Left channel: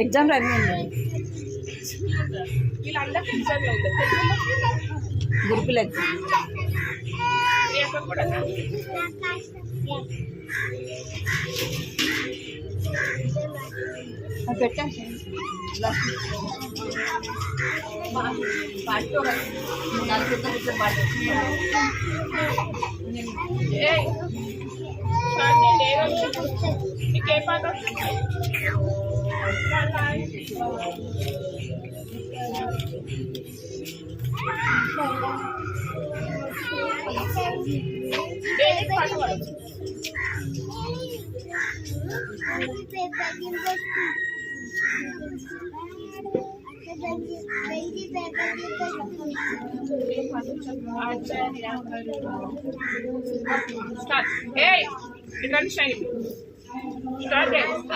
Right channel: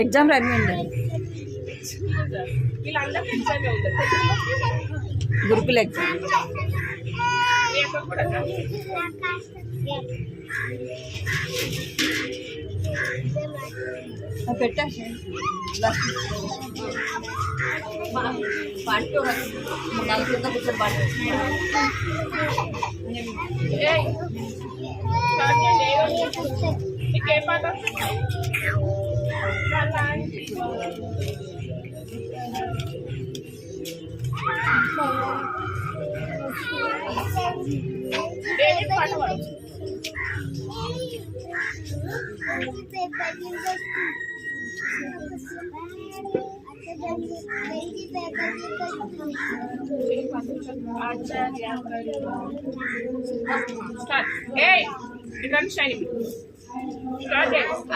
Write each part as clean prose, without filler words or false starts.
Exam రాయండి. వీళ్ళందరికీ exam ఉంది. గ్రూపుల ఎగ్జామ్ కూడా పెట్టండి. నీకే పాట వస్తుంది? పాట పాడు.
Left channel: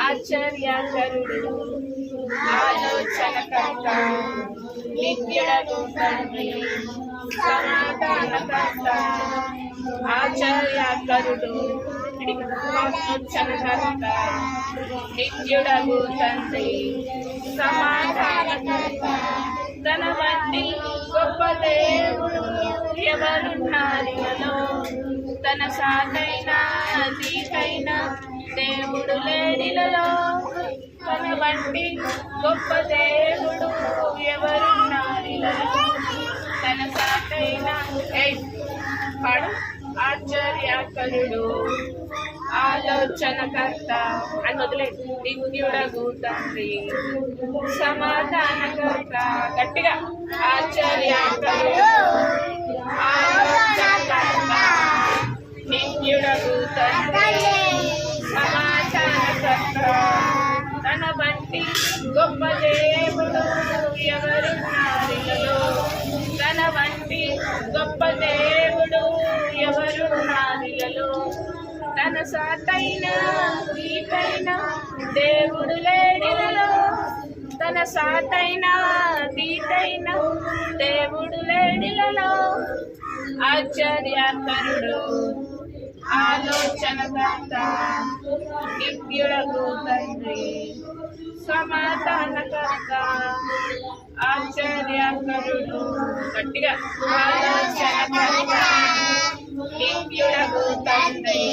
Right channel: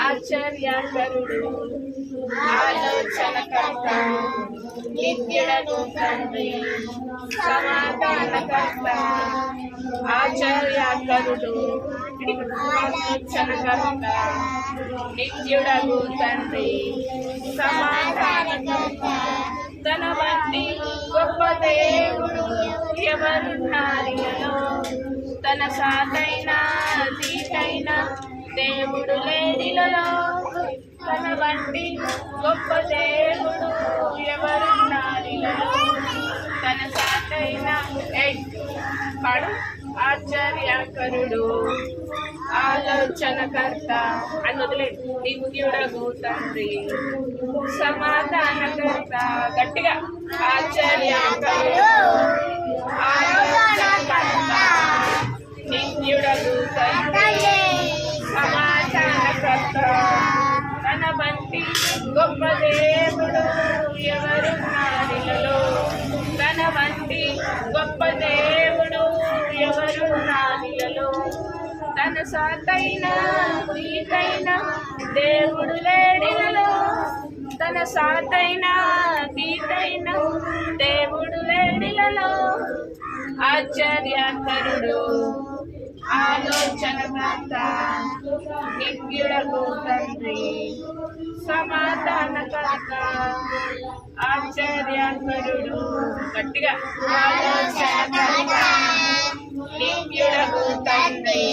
ఆచార్యకరుడు ఆలోచనకర్త నిత్యుడగు తండ్రి సమాధానకర్త ఆచార్యకరుడు ఆలోచనకర్త నిత్యుడగు తండ్రి సమాధానకర్త తన వంటి గొప్ప దేవుడు ఎవరున్నారిలో తన సాటైన దీటైన దేవుడు లేడిలలో తన వంటి గొప్ప దేవుడు ఎవరున్నారిలలో తన సాటైన పాడు ఆశ్చర్యకరుడు ఆలోచనకర్త అని వదిలే నిత్యుడగు తండ్రి సమాధానకర్త గట్టిగా ఆశ్చర్యకరుడు ఆలోచనకర్త నిత్యుడగు తండ్రి సమాధానకర్త తన వంటి గొప్ప దేవుడు ఎవరున్నారిలో తన వంటి గొప్ప దేవుడు ఎవరున్నారిలో తన సాటైన దీటైన దేవుడు లేడిలలో తన సాటైన దీటైన దేవుడు లేడిలలో ఆశ్చర్యకరుడు ఆలోచనకర్త నిత్యుడగు తండ్రి సమాధానకర్త ఆశ్చర్యకరుడు గట్టిగా ఆలోచనకర్త నిత్యుడగు తండ్రి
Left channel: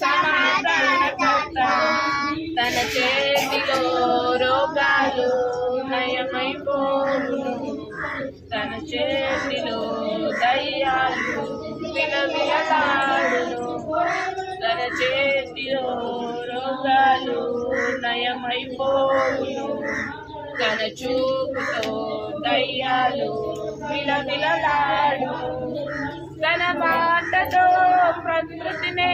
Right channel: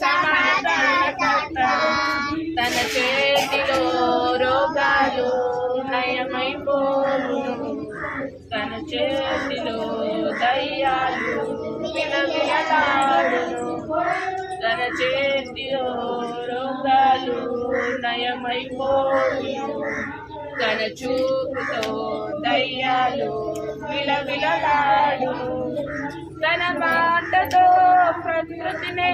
సమాధానకర్త తన చేతిలో రోగాలు నయమైపోవును తన చేతిలో దయ్యాలు విలవిలలాడును తన చేతిలో రోగాలు నయమైపోవును తన చూపుతో దయ్యాలు విలవిలలాడును తన మాటతో ప్రకృతిని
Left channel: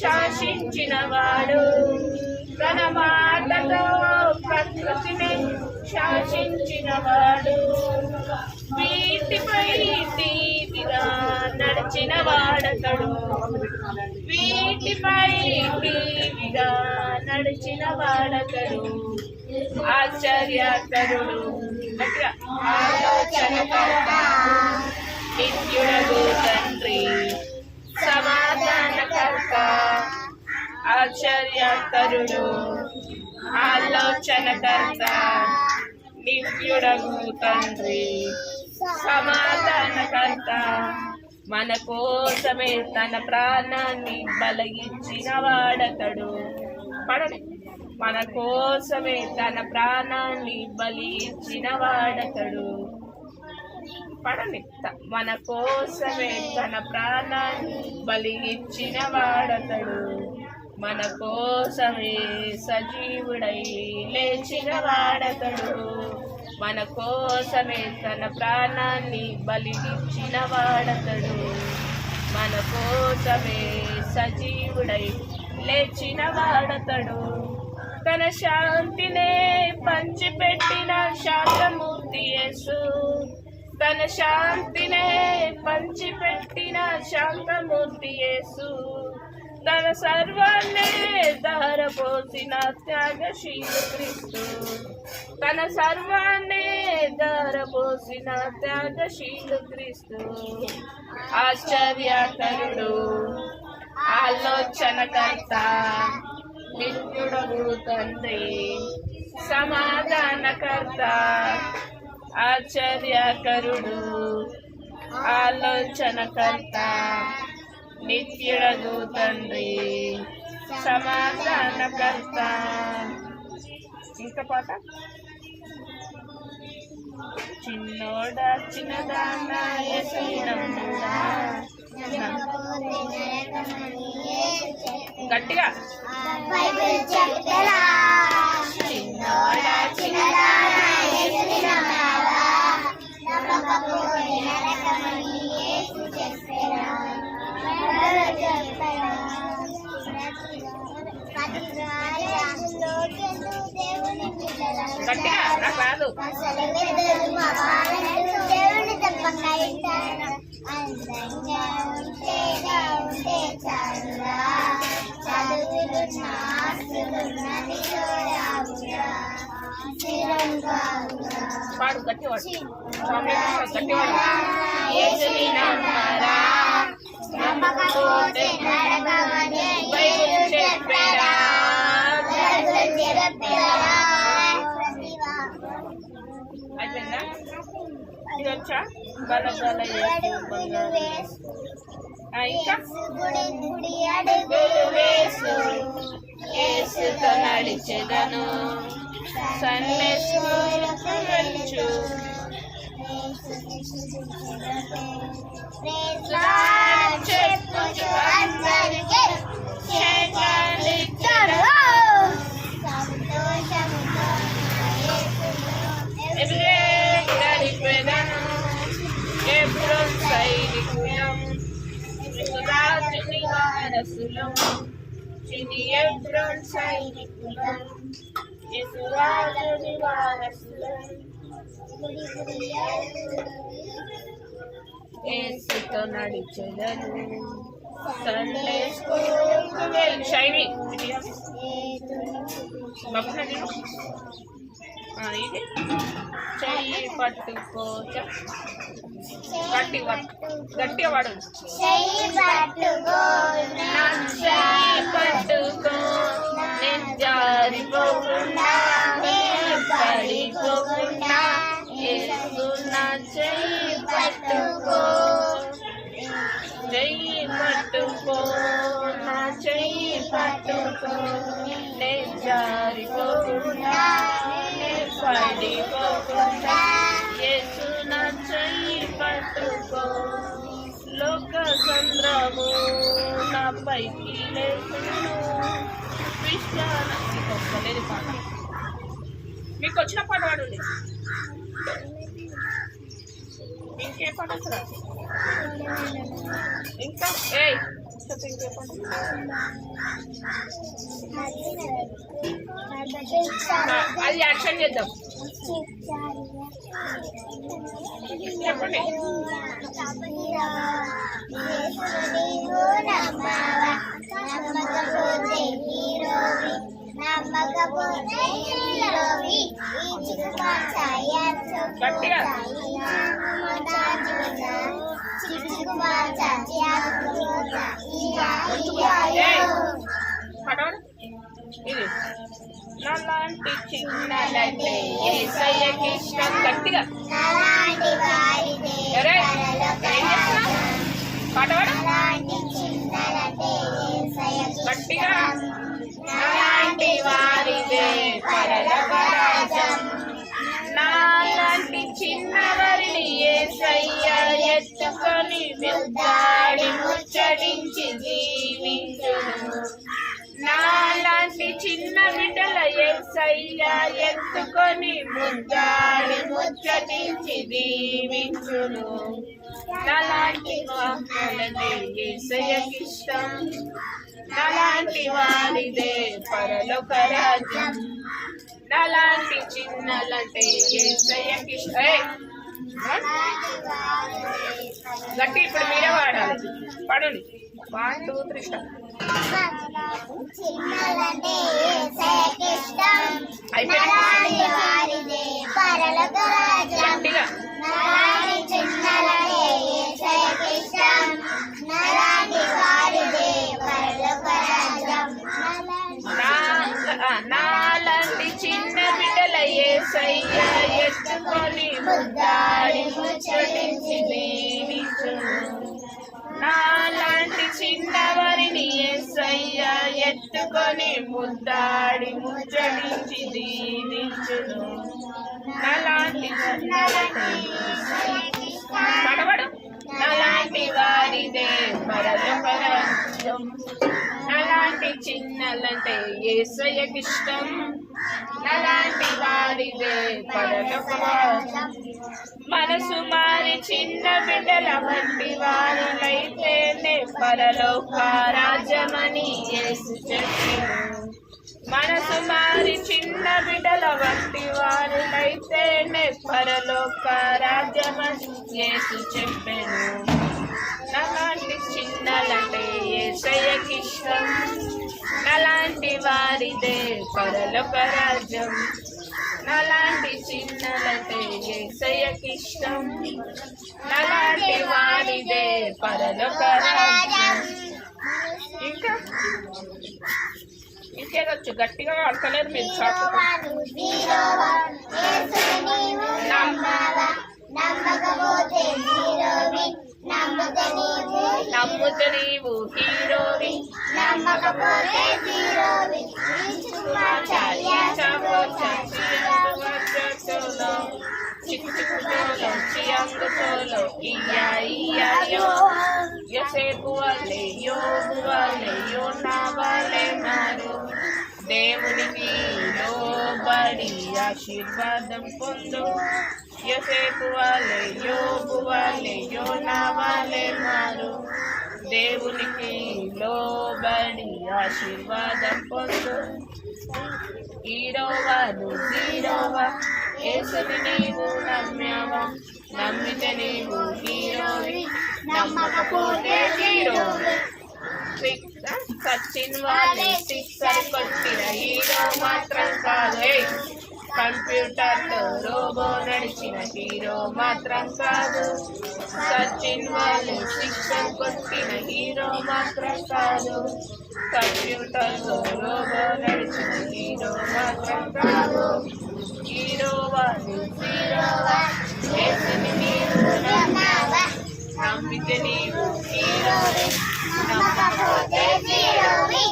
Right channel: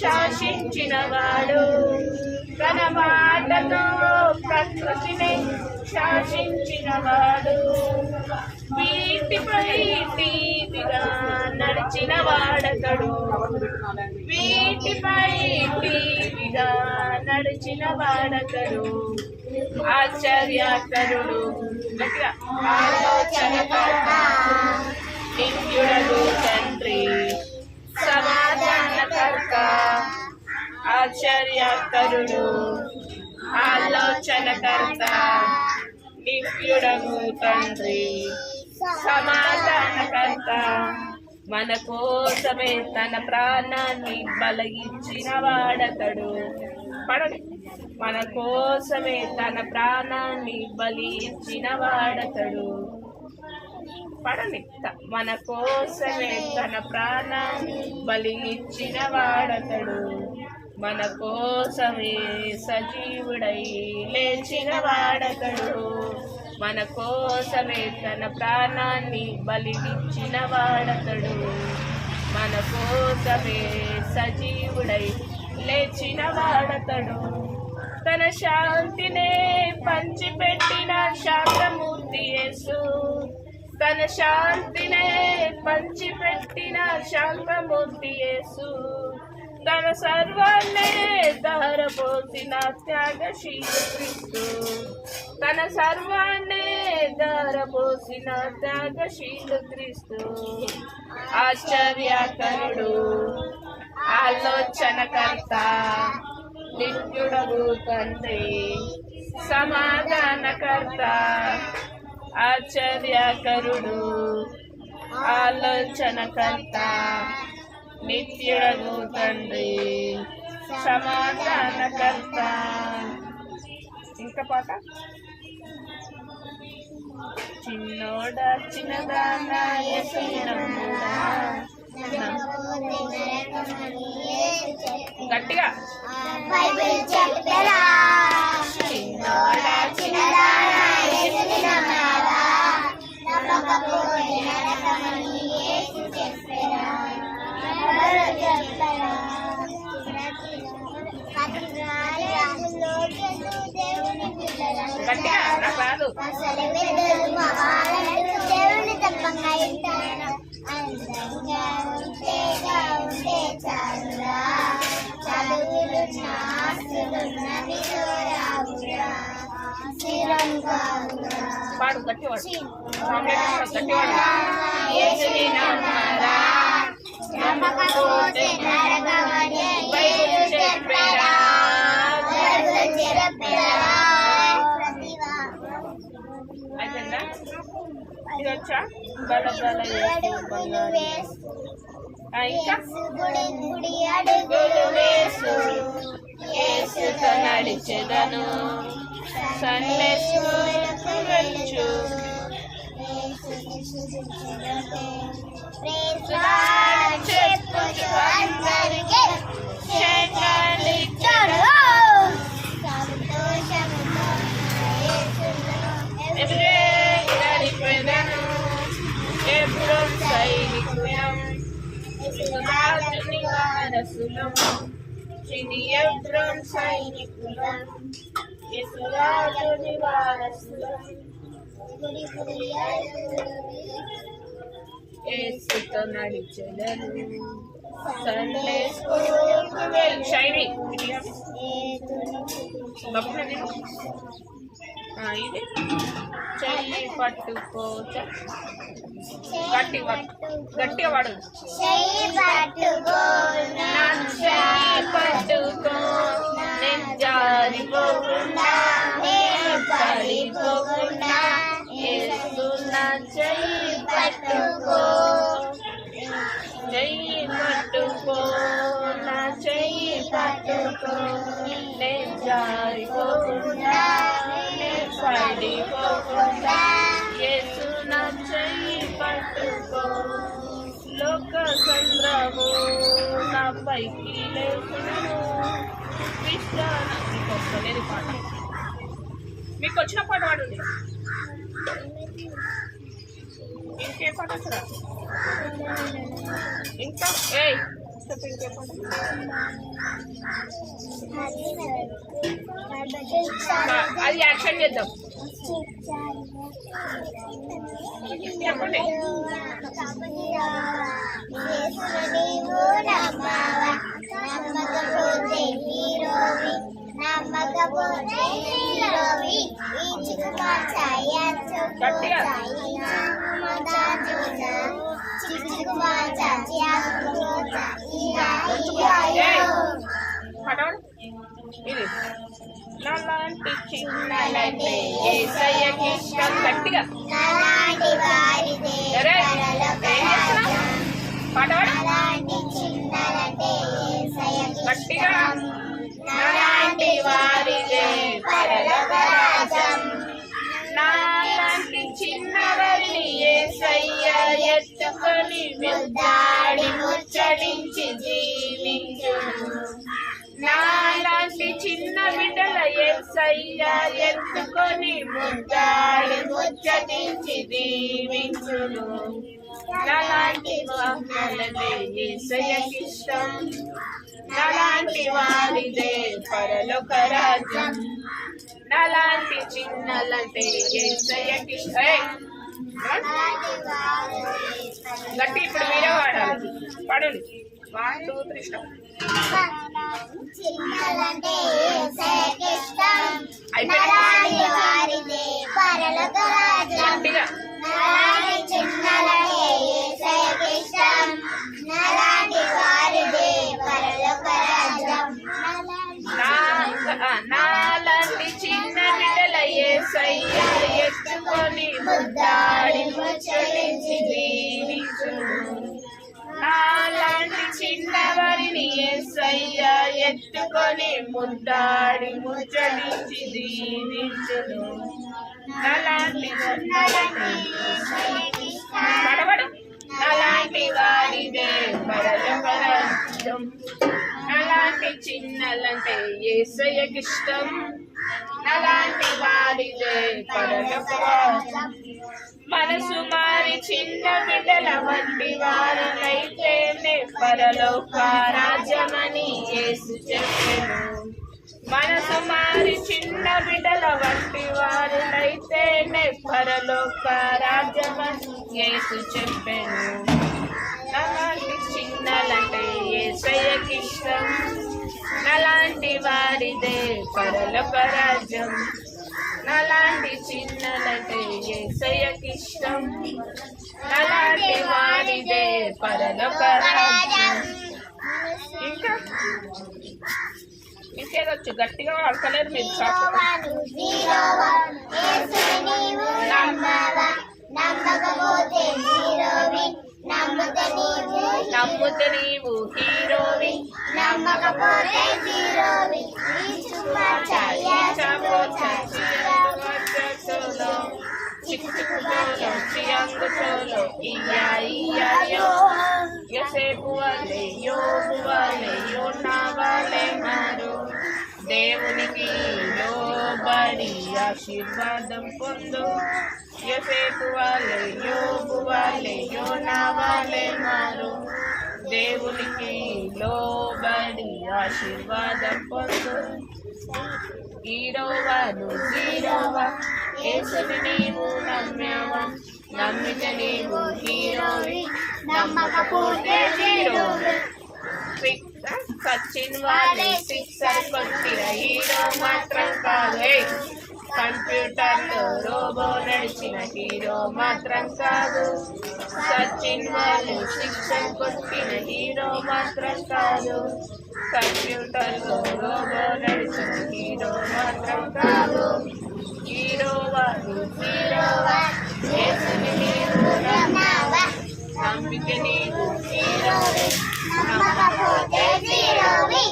శాసించినవాడు తన మాటతో ప్రకృతిని శాసించినవాడు వీటిపై టీవిగా నడిచిన వాడతడు వీటిపై టీవిగా నడిచిన వాడతడు ఆశ్చర్యకరుడు ఆలోచనకర్త నిత్యుడగు తండ్రి సమాధానకర్త ఆశ్చర్యకరుడు ఆలోచనకర్త నిత్యుడగు తండ్రి సమాధానకర్త మన కోసమే తన ప్రాణాన్ని బలిగించిన వాడతడు పడండి మన కోసమే తన ప్రాణాన్ని బలి ఇచ్చిన వాడతడు పడండి మన కోసమే తన ప్రాణాన్ని బలి ఇచ్చిన వాడతడు మన కోసమే సజీవుడై లేచిన వాడతడు మన కోసమే తన ప్రాణాన్ని బలి ఇచ్చిన వాడతడు మన కోసమే సజీవుడై లేచిన వాడతడు తన శాంతినే పంచిపెట్టిన శాంతమూర్తి యేసు తన శాంతినే పంచిపెట్టిన శాంతమూర్తి యేసు తన సర్వాన్నే ధారపోసిన త్యాగశీలు క్రీస్తు తన సర్వాన్నే ధారపోసిన త్యాగశీలు క్రీస్తు ఆశ్చర్యకరుడు ఆలోచనకర్త నిత్యుడగు తండ్రి సమాధానకర్త ఆశ్చర్యకరుడు ఆలోచనకర్త నిత్యుడగు తండ్రి సమాధానకర్త. ఇంకా పాట చిన్నోడా చిన్నదానా యేసునమ్ముడా గట్టిగా చిన్నోడా చిన్నదానా యేసునమ్ముడా గట్టిగా నాకు రాదు. పాడు గట్టివాడు చాక్లెట్ గట్టివాడు. యేసుని నమ్మరా నమ్మకపోతే బైబిల్ చెప్పేరా. అయిపోయిందా? ఇది వచ్చా బల బల యేసు బంగారు. ఇంకా అడుగులు వేసు యేసుతో నడిచెదను సండే స్కూలుకు వెళ్ళు చెప్పుచు అందరికీ శేషాలిచ్చడు. గడిపెదను ఎబ్రోన్ సైనికులం రాజుని వారసులం చిని ఎబ్రోన్ సైనికులం యేసురాజుని వారసులం యేసుతో నడిచెదను సండే స్కూల్కు వెళ్ళి శైవి బాబునది ఇది చెయ్యి పట్టుకో గట్టిగా వాడు. చెయ్యి పట్టుకో నేను జారిపోకుండా పడిపోకుండా యేసు నా చెయ్యి పట్టుకో చెయ్యి పట్టుకో నా చెయ్యి పట్టుకో నేను జారిపోకుండా నేను పడిపోకుండా యేసు నా చెయ్యి పట్టుకో. లోక సంద్రము నా పైకి లేసును విశ్వాన. మీకు వస్తలేదు పాట, మీకు వచ్చిన పాట పాడండి. ఇంకే పాట వస్తుందా? ఇంకా చెప్పు ఇంకే పాట. అది యాక్షన్ చేద్దాం. చెప్పండి. గట్టిగా ఇది నాలాంటి చిన్నలంటే యేసయ్యకి ఇష్టం. గట్టిగా పాట గట్టిగా. నాలాంటి వారిదే పరలోక రాజ్యం నాలాంటి చిన్నవారిని యేసయ్య ఎత్తుకొని ముద్దాడి ముచ్చడించి జీవించును. నాలాంటి చిన్న బిడ్డల యేసయ్య ఎత్తుకొని ముద్దాడి ముచ్చటించి దీవించును. నాలాంటి వారిదే యేసయ్యకి ఇష్టం నాలాంటి వారిదే పరలోక రాజ్యం నాలాంటి చిన్నలంటే యేసయ్యకి ఇష్టం. గట్టి ఇప్పుడు మీరే వాడాలి. పాడండి. 1 2 3 స్టార్ట్. గట్టిగా నా యేసయ్య ఎత్తుకొని ముద్దాడి ముచ్చటించి దీవించును. నాలాంటి చిన్నవారిని యేసయ్య ఎత్తుకొని ముద్దాడి ముచ్చటించి దీవించును. నాలాంటి పడవడు నాలాంటి వారిదే పరలోక రాజ్యం. నాలాంటి చిన్నలంటే యేసయ్యకిష్టం. నాలాంటి వారిదే పరలోక రాజ్యం. మనసు మారి చిన్న బిడ్డల వంటి వారులైతేనే పరలోక రాజ్యమని యేసు చెప్పెను. మనసు మారి చిన్న బిడ్డల వంటి వారులైతేనే పరలోక రాజ్యమని యేసు చెప్పెను. నాలాంటి చిన్నలంటే యేసయ్యకిష్టం. నాలాంటి వారిదే పరలోక రాజ్యం. నాలాంటి చిన్నలంటే యేసయ్యకిష్టం. నాలాంటి వారిదే పరలోక రాజ్యం. ఇంకా ఇంకేదొచ్చు గట్టిగా వాడతలేరు మీరు. నమ్ముతే నీవు హీరోవి, నమ్మకపోతే జీరోవి. చిక్కు చిక్కు చోలో చియంగు చోలో ఇయ్యా ఇయ్యో. యోసేపు వాళ్ళే యోబు వాళ్ళే యోనా వాళ్ళే మారు. దేవునికి లోబడి ఆశీర్వాదం పొందు. యోసేపు వాళ్ళే యోబు వాళ్ళే యోనా వాళ్ళే మారు. దేవునికి లోబడి ఆశీర్వాదం పొందు. హీరోవా నువ్వు జీరోవా, యేసుని నీవు నమ్మావా. నమ్మితే నీవు హీరోవి, నమ్మకపోతే జీరోవి. సచిన్ వాళ్ళే సిక్సర్ కొట్టిన హీరో మాత్రం కాదు. కంప్యూటర్లో రోబో నడిచిన హీరో మాత్రం కాదు. సచిన్ వాళ్ళు సిక్సర్ కొట్టిన హీరో మాత్రం కాదు. కంప్యూటర్లో రోబో నడిచిన హీరో మాత్రం కాదు. హీరోవా నువ్వు జీరోవా, యేసుని నీవు నమ్మావా. నమ్మితే నీవు హీరోవి, నమ్మకపోతే జీరోవి.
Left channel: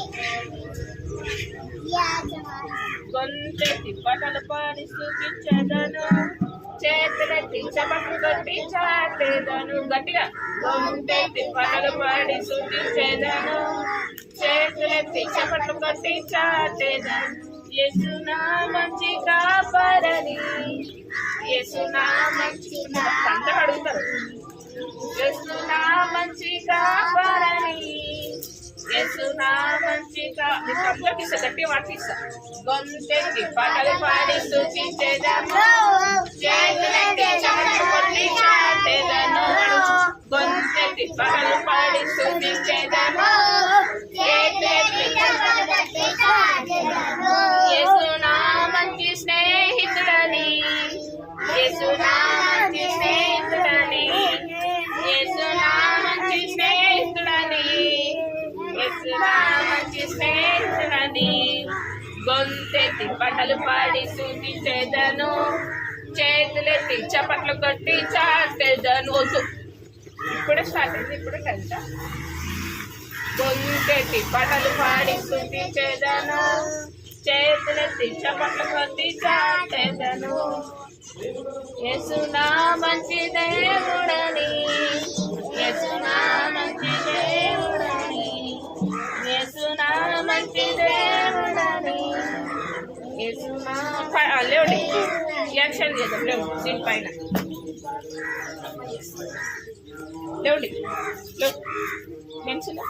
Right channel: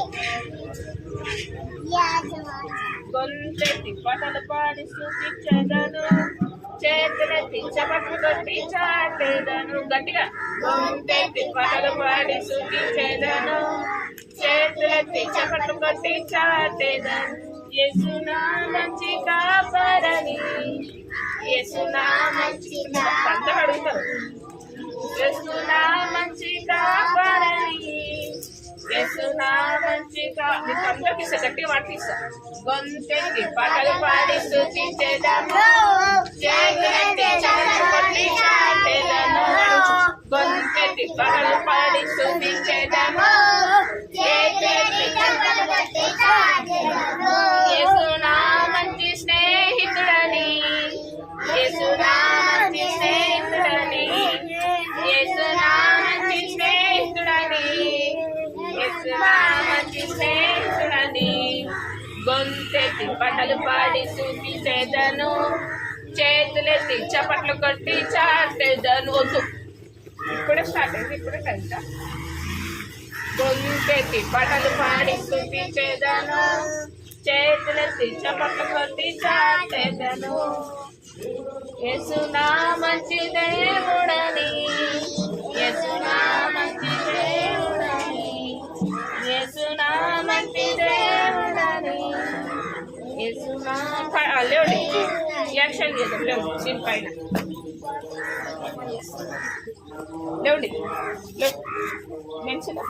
గొంతెత్తి పాటలు పాడి స్తుతించెదను. చేతులెత్తి చప్పట్లు కొట్టి చాటెదను. గట్టిగా గొంతెత్తి పాటలు పాడి స్తుతించెదను. చేతులెత్తి చప్పట్లు కొట్టి చాటెదను. యేసు నా మంచి కాపరని, యేసు నా మంచి అందరూ అడుగుతారు. యేసు నా మంచి కాపరని, యేసు నా మంచి నీకు అందరికి ఇస్తా, గట్టిగా పాటిస్తా. గొంతెత్తి పాటలు పాడి స్తుతించెదను. చేతులెత్తి చప్పట్లు కొట్టి చాటెదను. గొంతెత్తి పాటలు పాడి స్తుతించెదను. చేతులెత్తి చప్పట్లు కొట్టి చాటెదను. యేసు నా మంచి స్నేహితుడని, యేసు నా మంచి స్నేహితుడని, యేసు నా మంచి స్నేహితుడని, యేసు నా మంచి స్నేహితుడని. గొంతెత్తి పాటలు పాడి స్తుతించెదను. చేతులెత్తి చప్పట్లు కొట్టి చాటెదను. వద్దు, ఇప్పుడే స్టార్ట్ అయింది, ఇప్పుడే కంట. గొంతెత్తి పాటలు పాడి స్తుతించెదను. చేతులెత్తి చప్పట్లు కొట్టి చాటెదను. యేసు నా మంచి దేవుడని, యేసు నా మంచి దేవుడని, యేసు నా మంచి దేవుడని, యేసు నా లేవండి. యాక్షన్ చేద్దాం, లేవు సీన్ పైన లేవండి. లేవు పెన్సిల్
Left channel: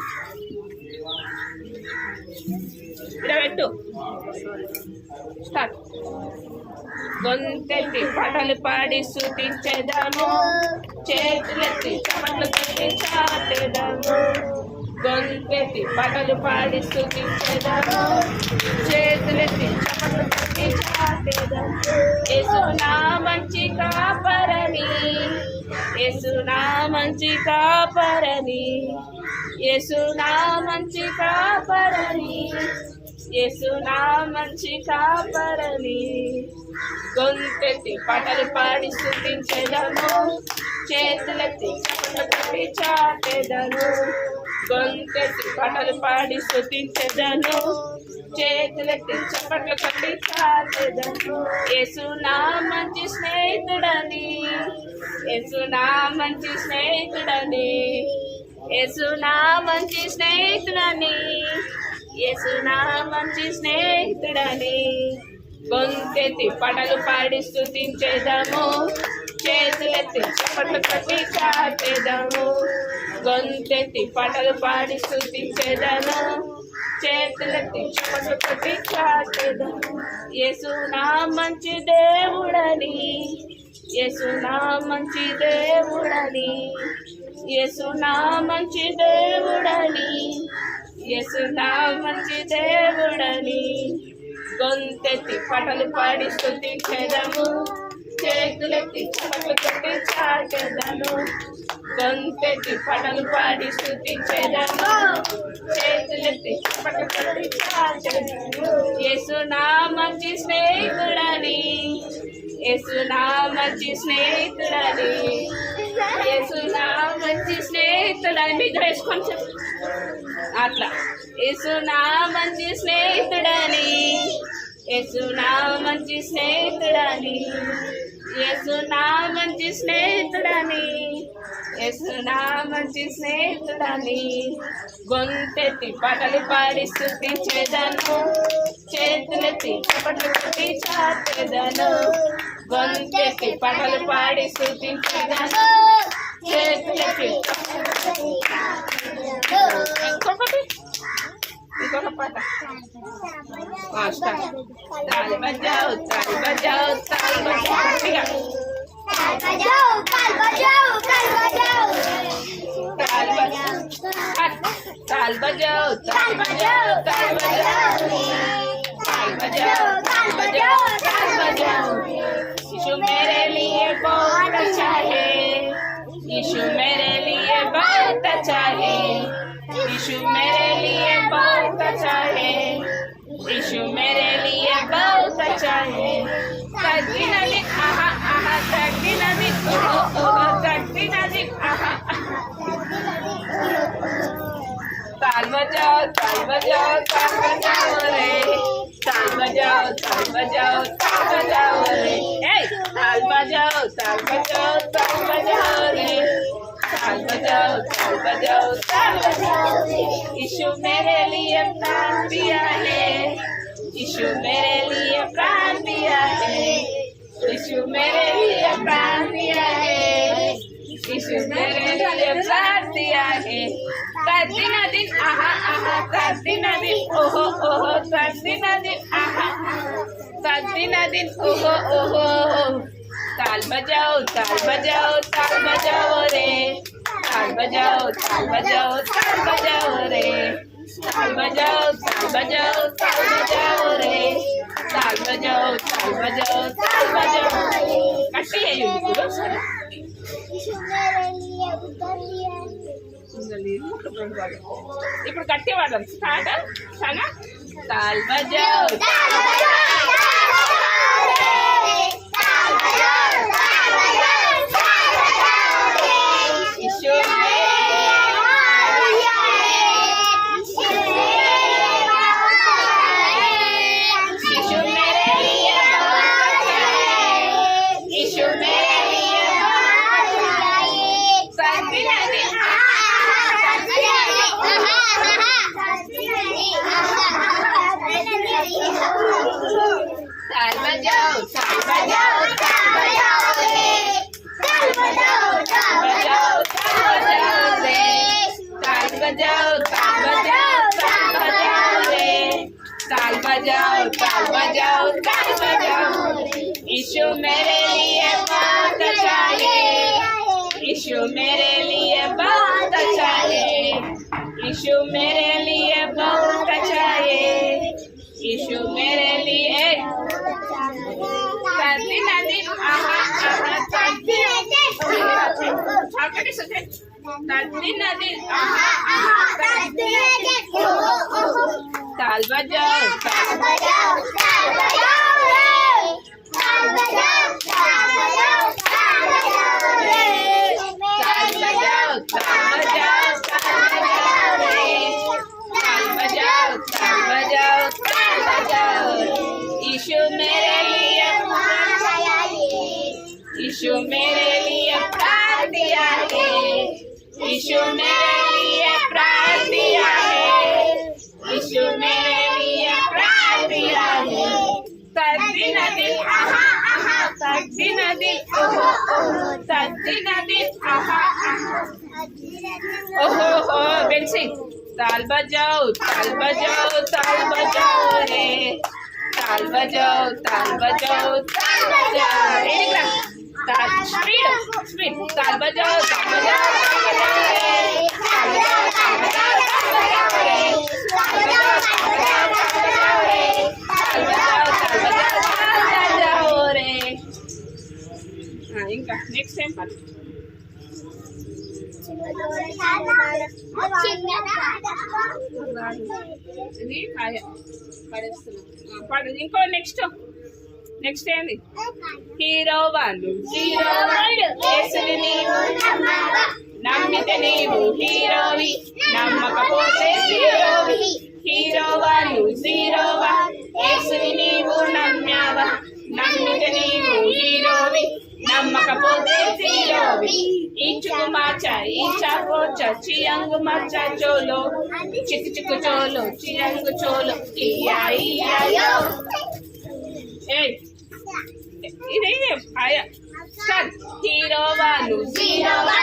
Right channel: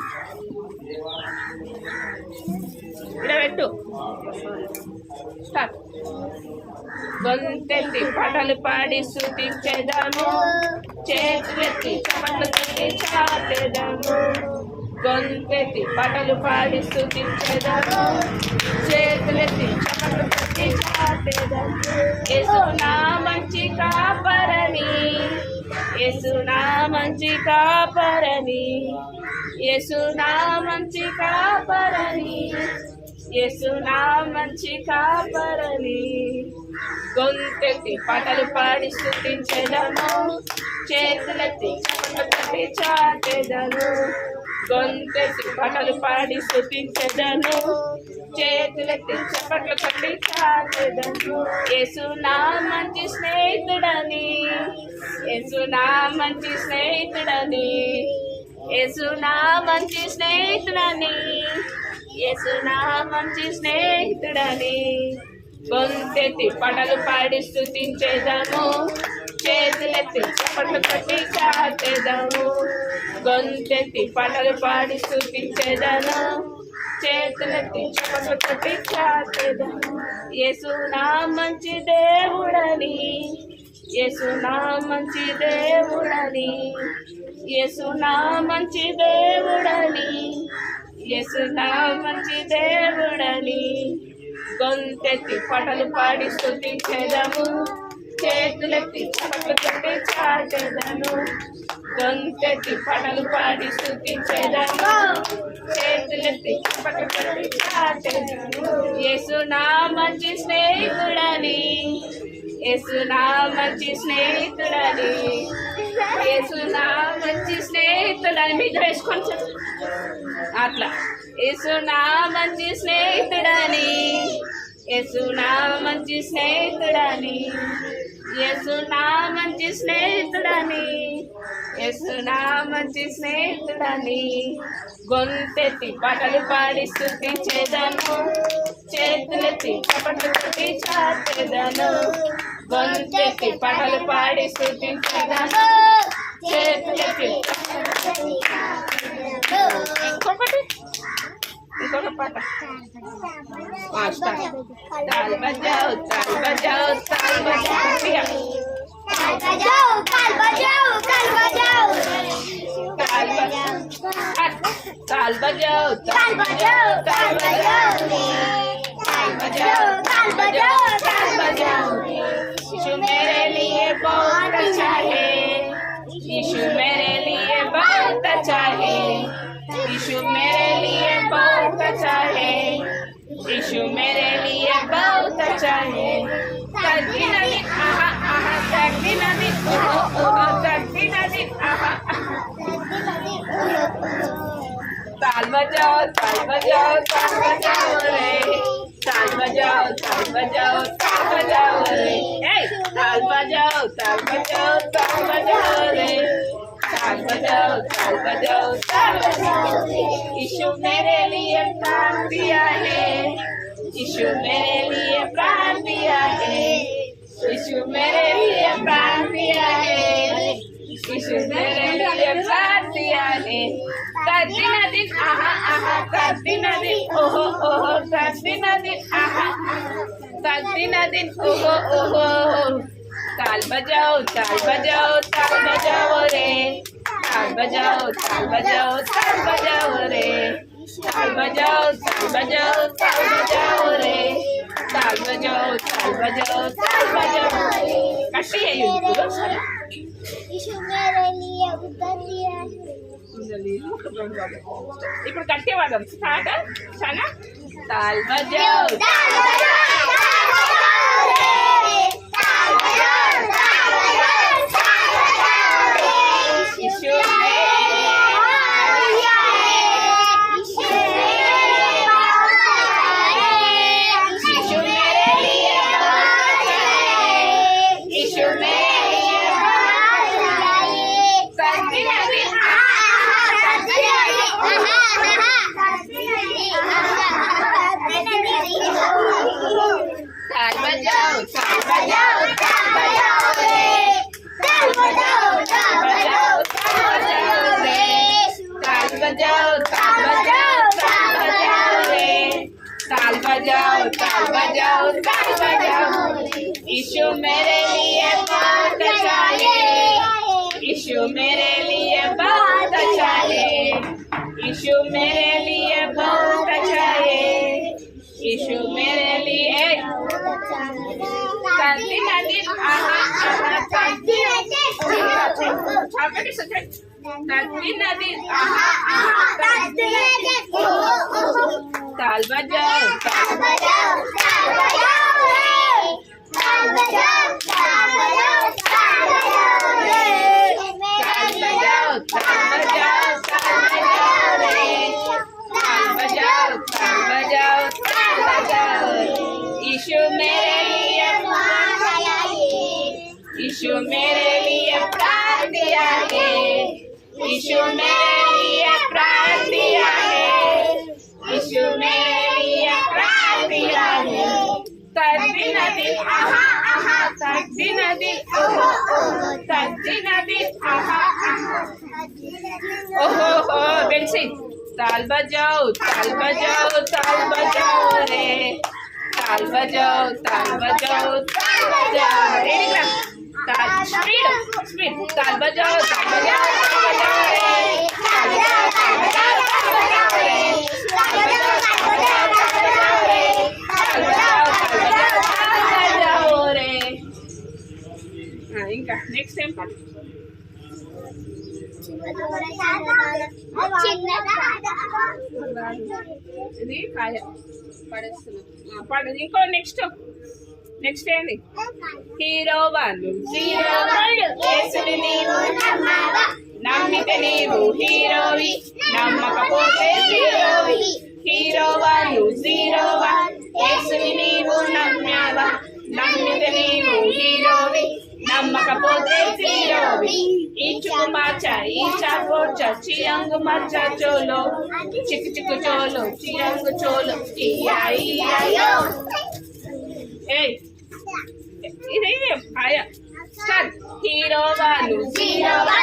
ఇలా పెట్టు. స్టార్ట్. గొంతెత్తి పాటలు పాడి స్తుతించెదను. చేతులెత్తి చప్పట్లు కొట్టి చాటెదను. గొంతెత్తి పాటలు పాడి స్తుతించెదను. చేతులెత్తి చప్పట్లు కొట్టి చాటెదను. యేసు నా మంచి కాపరని, యేసు నా మంచి కాపరని, యేసు నా మంచి కాపరని, యేసు నా మంచి కాపరని. గొంతెత్తి పాటలు పాడి స్తుతించెదను చేతులెత్తి చప్పట్లు కొట్టి చాటెదను గొంతెత్తి పాటలు పాడి స్తుతించెదను చేతులెత్తి చప్పట్లు కొట్టి చాటెదను యేసు నా మంచి స్నేహితుడని యేసు నా మంచి స్నేహితుడని యేసు నా మంచి స్నేహితుడని యేసు నా మంచి స్నేహితుడని గొంతెత్తి పాటలు పాడి స్తుతించెదము చేతులెత్తి చప్పట్లు కొట్టి చాటెదము గొంతెత్తి పాటలు పాడి స్తుతించెదను చేతులెత్తి చప్పట్లు కొట్టి చాటెదము యేసు నా మంచి దేవుడని యేసు నా మంచి దేవుడని యేసు నా మంచి దేవుడని యేసు నా మంచి దేవుడని గొంతెత్తి పాటలు పాడి స్తుతించెదము చేతులెత్తి చప్పట్లు కొట్టి చాటెదను గొంతెత్తి పాటలు పాడి స్తుతించెదను చేతులెత్తి చప్పట్లు కొట్టి చాటెదను యేసు నా మంచి స్నేహితుడని యేసు నా మంచి స్నేహితుడని యేసు నా మంచి స్నేహితుడని మీద వేసుకొని అట్లా యేసు నా మంచి స్నేహితుడని యేసు నా మంచి స్నేహితుడని యేసు నా మంచి స్నేహితుడని యేసు నా మంచి స్నేహితుడని గొంతెత్తి పాటలు పాడి స్తుతించెదను చేతులెత్తి చప్పట్లు కొట్టి చాటెదను గొంతెత్తి పాటలు పాడి స్తుతించెదను చేతులెత్తి ఇంకొక పాట స్టార్ట్ తాల్ బజాओ తాల్ బజాओ తాల్ బజాओ గట్టిగా తాల్ బజాओ తాల్ బజాओ తాల్ బజాओ తాల్ బజాओ తాల్ बजाओ ताल बजाओ यीशु मेरे लिए बहुत अच्छा है यीशु मेरे लिए बहुत अच्छा है यीशु मेरे लिए बहुत अच्छा है यीशु मेरे लिए बहुत अच्छा है कटी नदी आहा आहा कटी नदी ओहो ओहो कटी नदी आहा ताल बजाओ ताल बजाओ ताल बजाओ रे ताल बजाओ ताल बजाओ ताल बजाओ रे ताल बजाओ ताल बजाओ ताल बजाओ रे ताल बजाओ ताल बजाओ ताल बजाओ यीशु मेरे लिए प्राण दिया है यीशु मेरे लिए प्राण दिया है यीशु मेरे लिए प्राण दिया है यीशु मेरे लिए प्राण दिया है दिन दिन आहा आहा दिन दिन ओहो ओहो दिन दिन आहा दिन दिन ओहो ओहो ताल बजाओ ताल बजाओ ताल बजाओ रे ताल बजाओ ताल बजाओ ताल बजाओ रे ताल बजाओ ताल बजाओ ताल बजाओ रे ताल बजाओ ताल बजाओ ताल बजाओ कट्टी है ये ఇప్పుడు కట్టే వాడదాం స్టార్ట్ సనా తాల్ బజాओ यीशु मेरे लिए यीशु मेरे लिए ताल बजाओ ताल बजाओ ताल बजाओ रे ताल बजाओ ताल बजाओ ताल बजाओ रे ताल बजाओ ताल बजाओ ताल बजाओ रे ताल बजाओ ताल बजाओ ताल बजाओ यीशु मेरे लिए बहुत अच्छा है यीशु मेरे लिए बहुत अच्छा है यीशु मेरे लिए बहुत अच्छा है यीशु मेरे लिए तंदी नदी आहा आहा तंदी आपने सोचा तंदी नदी आहा आहा तंदी ताल बजाओ ताल बजाओ ताल बजाओ रे ताल बजाओ यीशु मेरे लिए प्राण दिया है, यीशु मेरे लिए प्राण दिया है। तद्दिन दिल आहा आहा, तद्दिन दिल ओहो ओहो, तद्दिन दिल आहा आहा, ओहो हो। बेंसी ताल बजाओ ताल बजाओ ताल बजाओ रे, ताल बजाओ ताल बजाओ ताल बजाओ रे, ताल स्पीड स्पीड, ताल बजाओ ताल बजाओ ताल बजाओ रे, ताल बजाओ ताल बजाओ ताल बजाओ रे, ताल बजाओ ताल बजाओ ताल बजाओ रे, ताल बजाओ ताल बजाओ ताल बजाओ रे। ఇంకా నెక్స్ట్ టైం పాడు. ఇది కాయ పడేస్తున్నాం పడు. ఇంకో నెక్స్ట్ నెక్స్ట్ ఏంది? హీరో వాళ్ళు జీరో యేసుని నీవు నమ్మితే నీవు హీరోవి, నమ్మకపోతే జీరోవి. హీరో వాళ్ళు జీరోవా, యేసుని నీవు నమ్మావా, నమ్మితే నీవు హీరోవి, నమ్మకపోతే జీరోవి. ఈచుకు మార్చ ఈచా పోచ చియంగు మార్చ చోలో, చిక్కు చిక్కు చోలో చియంగు చోలో ఇయా ఇయా. ఏయ్ ఇది ఆయ స్టార్ట్. హీరో వాళ్ళు జీరోవా,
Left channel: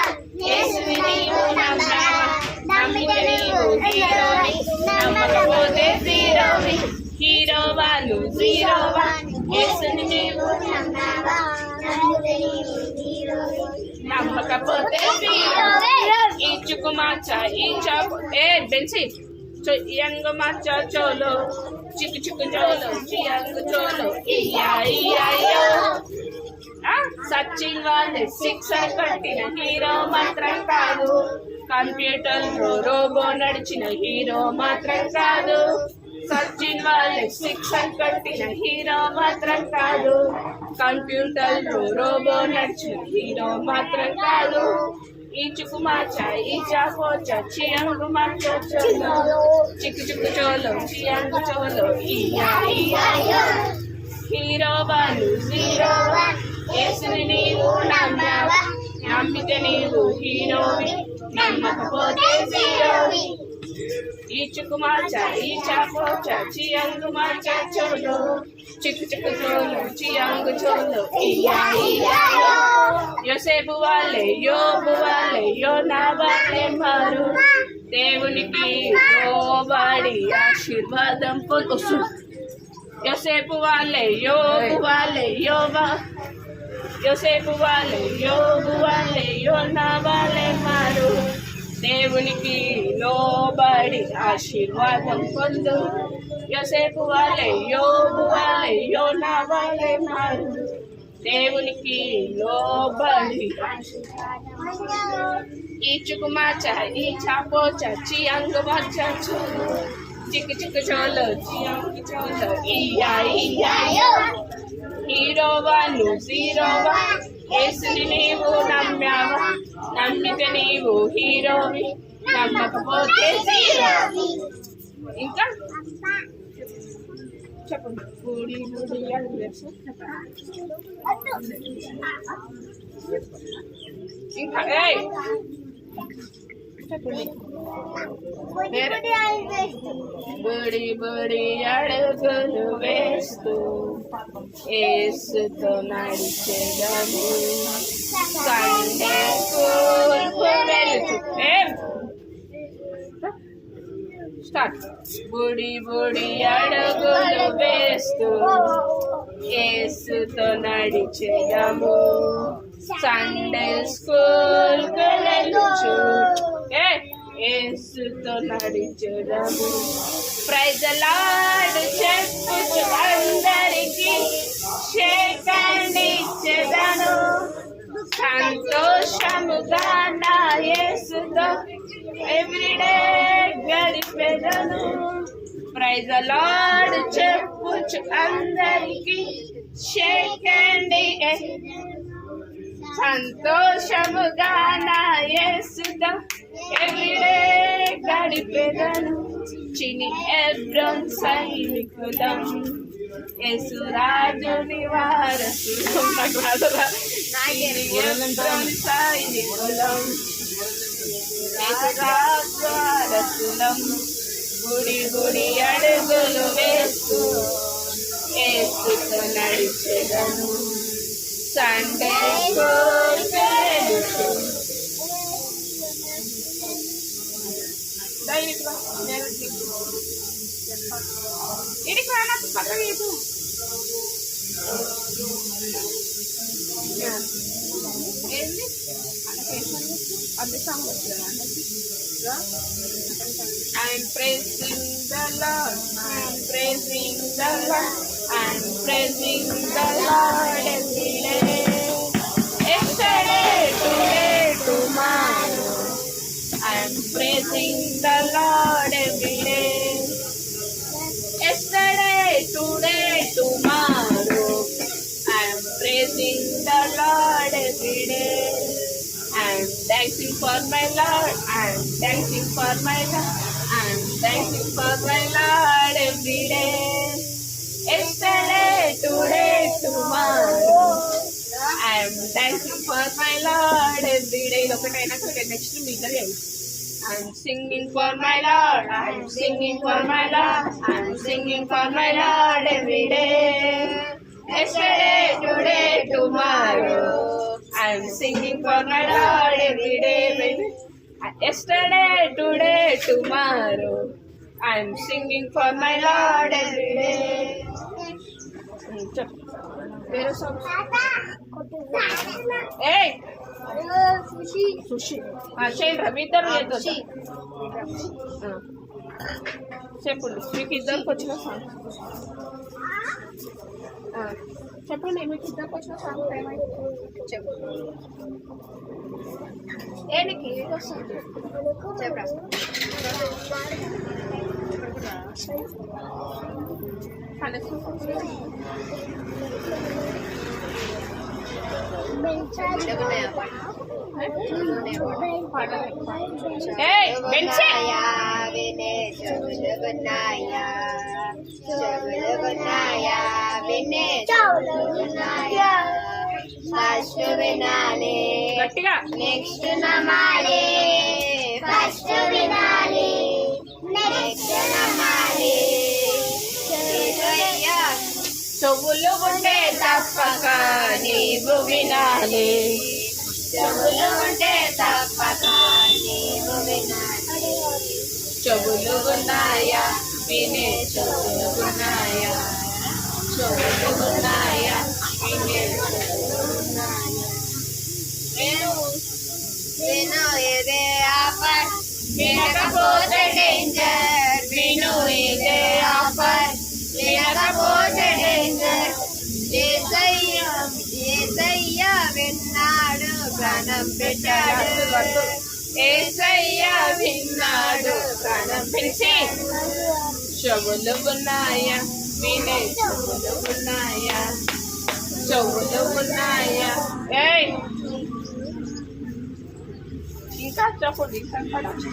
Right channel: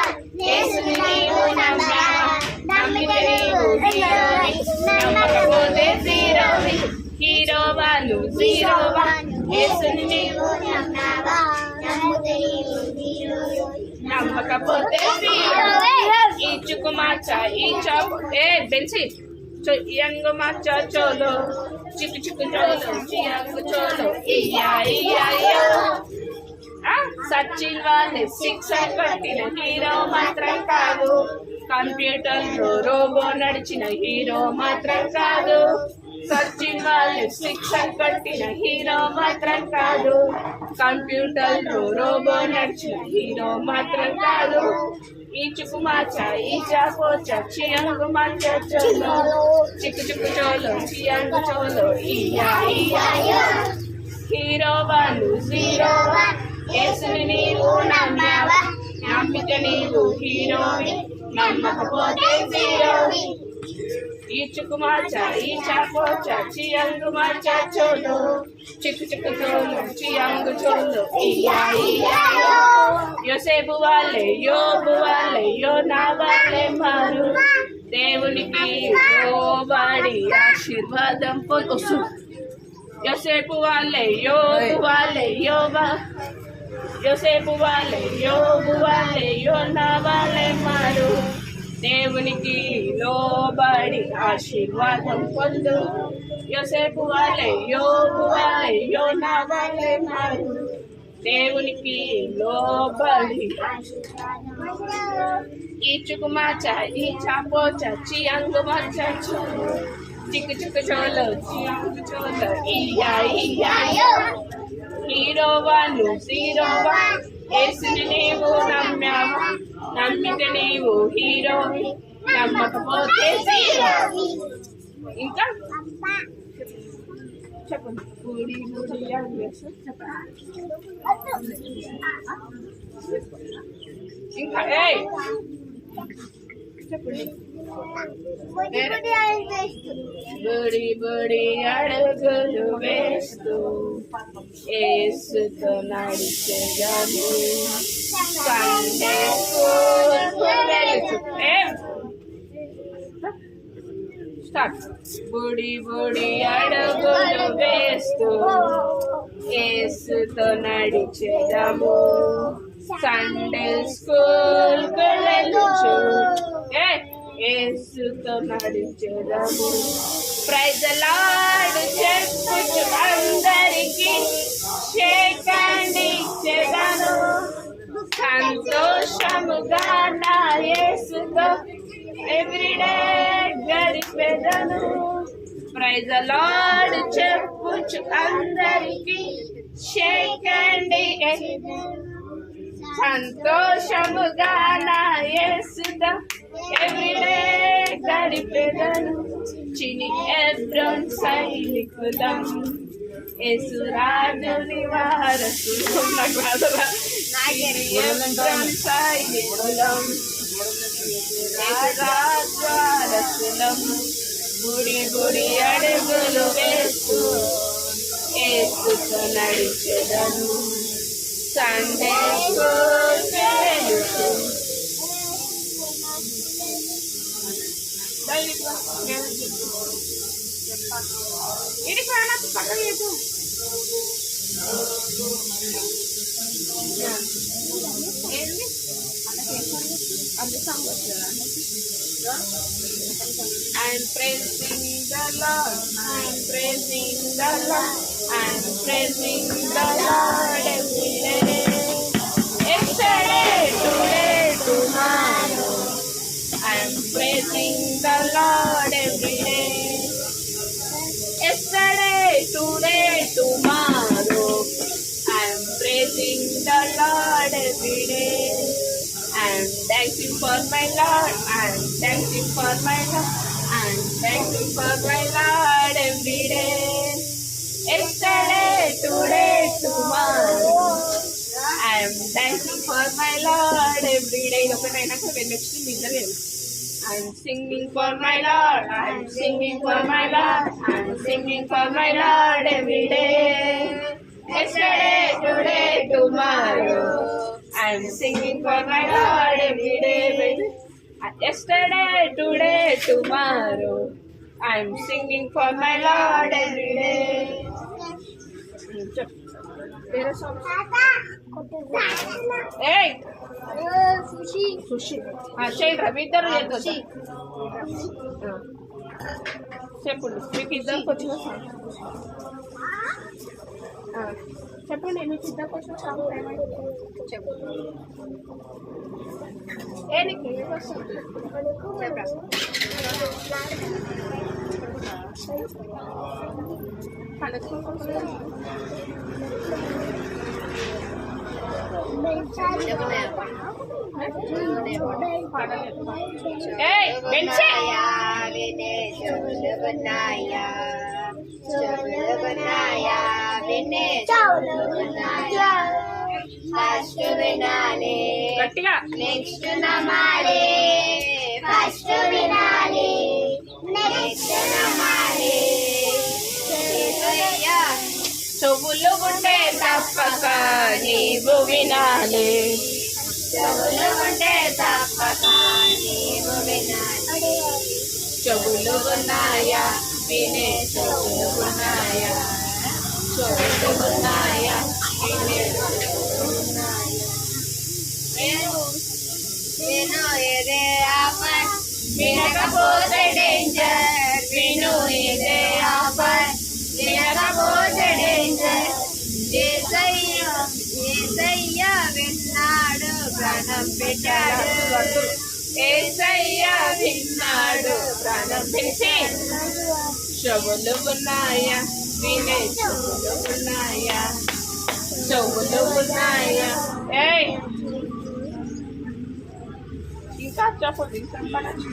యేసుని నీవు నమ్మావా, నమ్మితే నీవు హీరోవి, నమ్మకపోతే జీరోవి. హీరో వాళ్ళు జీరోవా, యేసుని నీవు నమ్మకపోతే జీరోవి. ఈచుకు మార్చ ఈచా బెన్సి చియంగు మార్చ చోలో, చిక్కు చిక్కు చోలో చియంగు చోలో ఇయా ఇయా. సచిన్ వాళ్ళే సిక్సర్ కొట్టిన హీరో మాత్రం కాదు, కంప్యూటర్ రోబో నడిచిన హీరో మాత్రం కాదు. సచిన్ వాళ్ళే సిక్సర్ కొట్టిన హీరో మాత్రం కాదు, కంప్యూటర్ రోబో నడిచిన హీరో మాత్రం కాదు. ఈచుకు మార్చ ఈచా పోచ చియంగు మార్చ చోలో, చిక్కు చిక్కు చోలో చియంగు చోలో ఇయా ఇయా. హీరో వాళ్ళు జీరోవా, యేసుని నీవు నమ్మావా, నమ్మితే నీవు హీరోవి, నమ్మకపోతే జీరోవి. ఈచుకు మార్చ ఈచా పోచ చియంగు మార్చ చోలో, చిక్కు చిక్కు చోలో చియంగు చోలో ఇయా ఇయా. యోసేపు వాళ్ళే యోబు వాళ్ళే యోనా వాళ్ళే మారు, దేవునికి లోబడి ఆశీర్వాదం పొందు. యోసేపు వాళ్ళే యోబు వాళ్ళే యోబా, యోసేపు వాళ్ళే యోబు వాళ్ళే యోనా వాళ్ళే మారు, దేవునికి లోబడి ఆశీర్వాదం పొందు. యోసేపు వాళ్ళే యోబు వాళ్ళే యోనా వాళ్ళే మారు, దేవునికి లోబడి. ఈచుకు మార్చ ఈచా పోచ చియంగు మార్చ చోలో, చిక్కు చిక్కు చోలో చియంగు చోలో ఇయా ఇయా. హీరో వాళ్ళు జీరోవా, యేసుని నీవు నమ్మావా, నమ్మితే నీవు హీరోవి, నమ్మకపోతే జీరోవి. ఇంకా చెప్పండి. బుడి బుడి ఇంకా ఏయ్ చెప్పండి. బుడి బుడి అడుగులు వేస్తూ యేసుతో నడిచెదము, సండే స్కూల్కు వెళుతూ. స్టార్ట్. బుడి బుడి అడుగులు వేస్తూ యేసుతో నడిచెదము, సండే స్కూల్కు వెళుచు యేసుతో నడిచెదము. ప్రైజ్ ది లార్డ్ చెప్పుచు అందరికి షేకండి ఇచ్చెదను, సంతోషముగా నా యేసుతో ఎవ్రీడే గడిపెదను. ప్రైజ్ ది లార్డ్ చెప్పుచు అందరికి షేకండి, సంతోషముగా నా యేసుతో ఎవ్రీడే గడిపెదను. చిని ఎబ్రోన్ సైనికులం, యేసురాజుని వారసులం. నాకు రాదురా. చిని ఎబ్రోన్ సైనికులం, యేసురాజ్వారసులం గుడి గుడి అడుగులు వేస్తూ యేసుతో నడిచెదను సండే స్కూల్ వెళుతూ ఇది కానా పక్కన చెప్పు ఏంది అది సాంగ్ వచ్చిందా I'm praising the Lord, I'm praising the Lord, I'm praising the Lord every day. Yesterday, today, tomorrow, I'm praising the Lord every day. Yesterday, today, tomorrow, I'm praising the Lord every day. I'm dancing for my Lord, I'm dancing for my Lord, I'm dancing for my Lord every day. Yesterday, today, tomorrow, I'm dancing for my Lord every day. Next to me, I'm singing for my Lord, I'm singing for my Lord, I'm singing for my Lord every day. Yesterday, today, tomorrow, I'm singing for my Lord every day, baby. Yesterday, today, tomorrow, I'm singing for my Lord every day. There are songs. Hey! Sushi. Shane, Ravidhar, చెప్పండి మీకు ఇద్దరికి వచ్చిన song చెప్పండి మీకు ఇద్దరికి వచ్చిన song ఏమంటే చెప్పు ఏనికి వస్తుంది చెప్పరా ఫస్ట్ వినాలి నెక్స్ట్ నమాలి ఫస్ట్ వినాలి నెక్స్ట్ నమాలి చెవులు ఉంటే తప్పక నీవు వినాలి చెవులు ఉంటే తప్పక నీవు వినాలి చెవులు ఉన్నాయా వినే చెవులు ఉన్నాయా చెవులు ఉన్నాయా వినే విను ఇదే ఆఫర్ వినకపోతే డేంజర్ విను ఇదే ఆఫర్ వినకపోతే డేంజర్ యేసయ్య విన్నాడు ప్రాణం పెట్టాడు యేసయ్య విన్నాడు ప్రాణం పెట్టి చెవులు ఉన్నాయా వినే చెవులు ఉన్నాయా చెవులు ఉన్నాయా ఏయ్ ఇంకా చెప్పండి ఇంకా పడచ్చు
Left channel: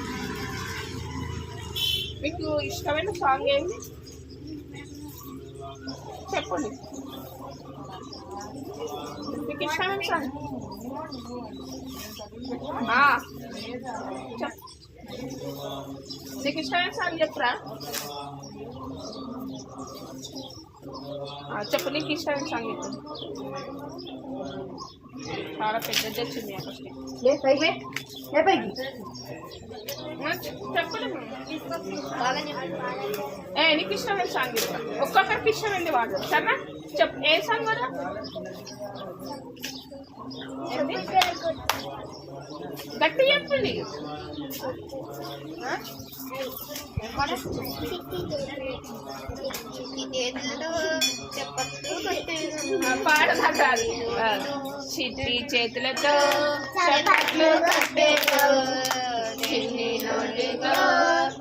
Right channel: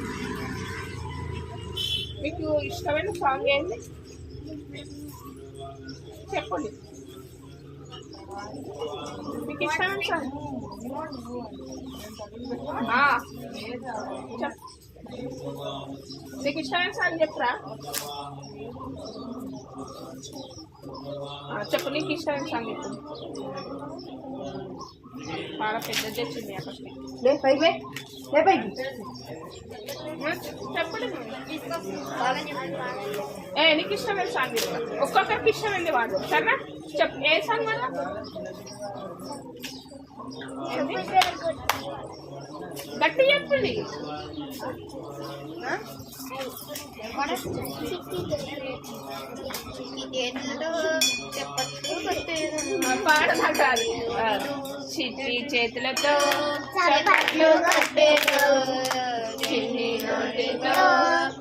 మీకు ఇష్టమైన సాంగ్ ఏంటి చెప్పండి మీకు ఇష్టమైన సాంగ్ నీకు ఇష్టమైన సాంగ్ చెప్పరా చెప్పు నీకు ఇష్టమైన సాంగ్ చెప్పు చాలా పెద్దది వచ్చింది ఫస్ట్ చెప్పండి నీకు ఇష్టమైన సాంగ్ చెప్పు ఒక్కొక్కరికి ఇష్టమైంది వాడు సరేనా చెప్పు ఏ సాంగ్ వాడు గట్టి చెప్పండి పాడదా కాదు చిట్టి చేతులతో చప్పట్లు కొట్టేదో చిన్ని నోటితో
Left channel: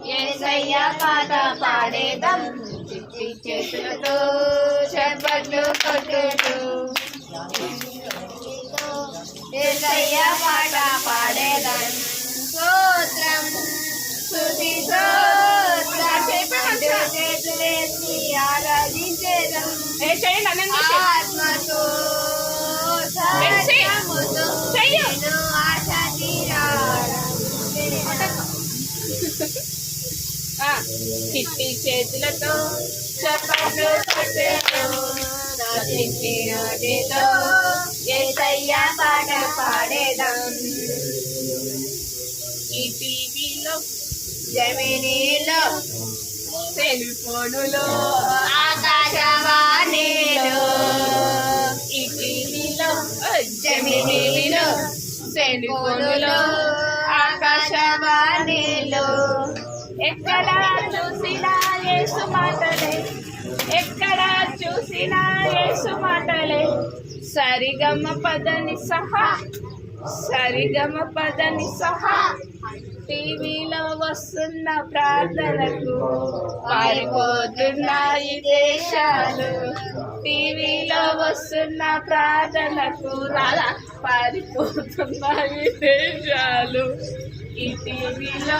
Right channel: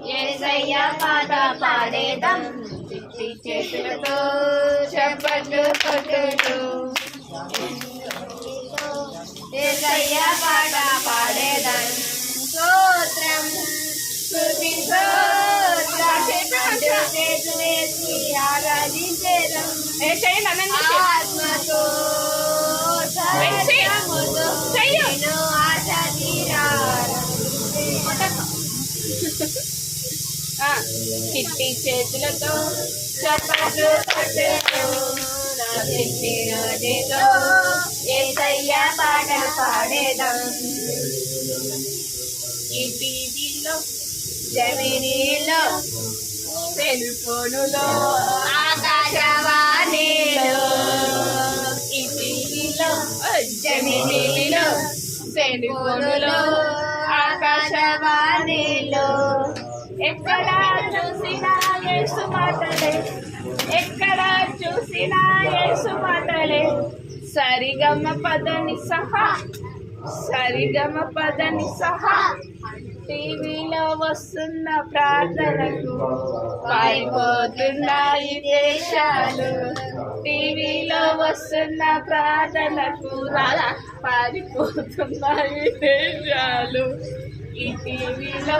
యేసయ్య పాట పాడేదం చిట్టి చేతులతో చప్పట్లు కొట్టేదో యేసయ్య పాట పాడేదం స్తోత్రం స్తుతి చేతులు వేసి ఆరాధించేదం ఆత్మతో సత్యముతో నేను ఆశ తీరా చిట్టి చేతులతో చప్పట్లు కొట్టేతో నా చిట్టి నోటితో యేసయ్య పాటలు పాడేదం ఈ టీవీలో జమినీలో సెల్ ఫోనులో ఆకాశవాణిలో ఈ టీవీలో జమినీలో సెల్ ఫోనులో ఫోనులో ఆకాశవాణిలో ఎక్కడ చూసినా యేసు మాటలే ఎక్కడ చూసినా యేసు మాటలే సరిగమ పదని సహా సరిగమ పదని సహా టీవీలో వస్తున్న ప్రార్థనకు పారిపోతున్నాయి దేశాలు టీవీలో వస్తున్న ప్రార్థనకు రాదా పారిపోతున్నాయి దేశాలు ఈ టీవీలో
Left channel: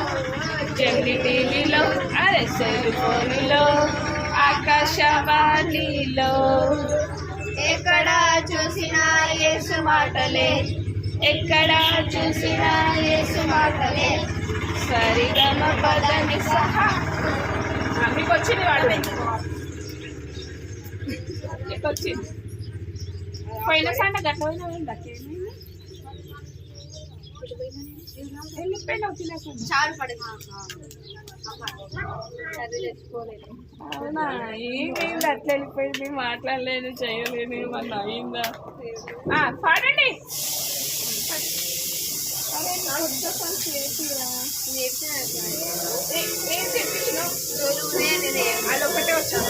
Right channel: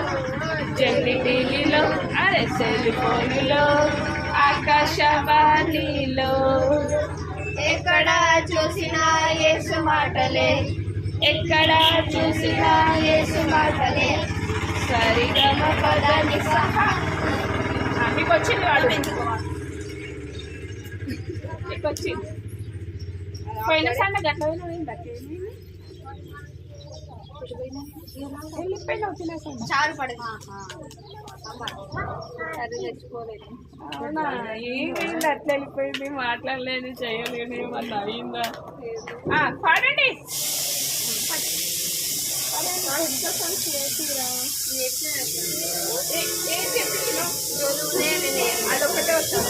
జల్లి టీవీలో అదే సెల్ ఫోన్లో ఆకాశవాణిలో ఎక్కడ చూసినా యేసు మాటలే ఎక్కడ చూసినా యేసు మాటలే సరిగమ పదని సహా మీకు వచ్చింది వాడు నీకు వచ్చింది పోయిన సార్ గట్ల వెళ్ళిపోయినావు తినేసాను చారు పడదు అవునా ఏమైంది అట్లా వెళ్ళిపోయింది మాట్లాడలేను చేయలేను ఏమన్నా అయిందా పాడండి ఏం చెప్పించినావు అదొకటే వచ్చాను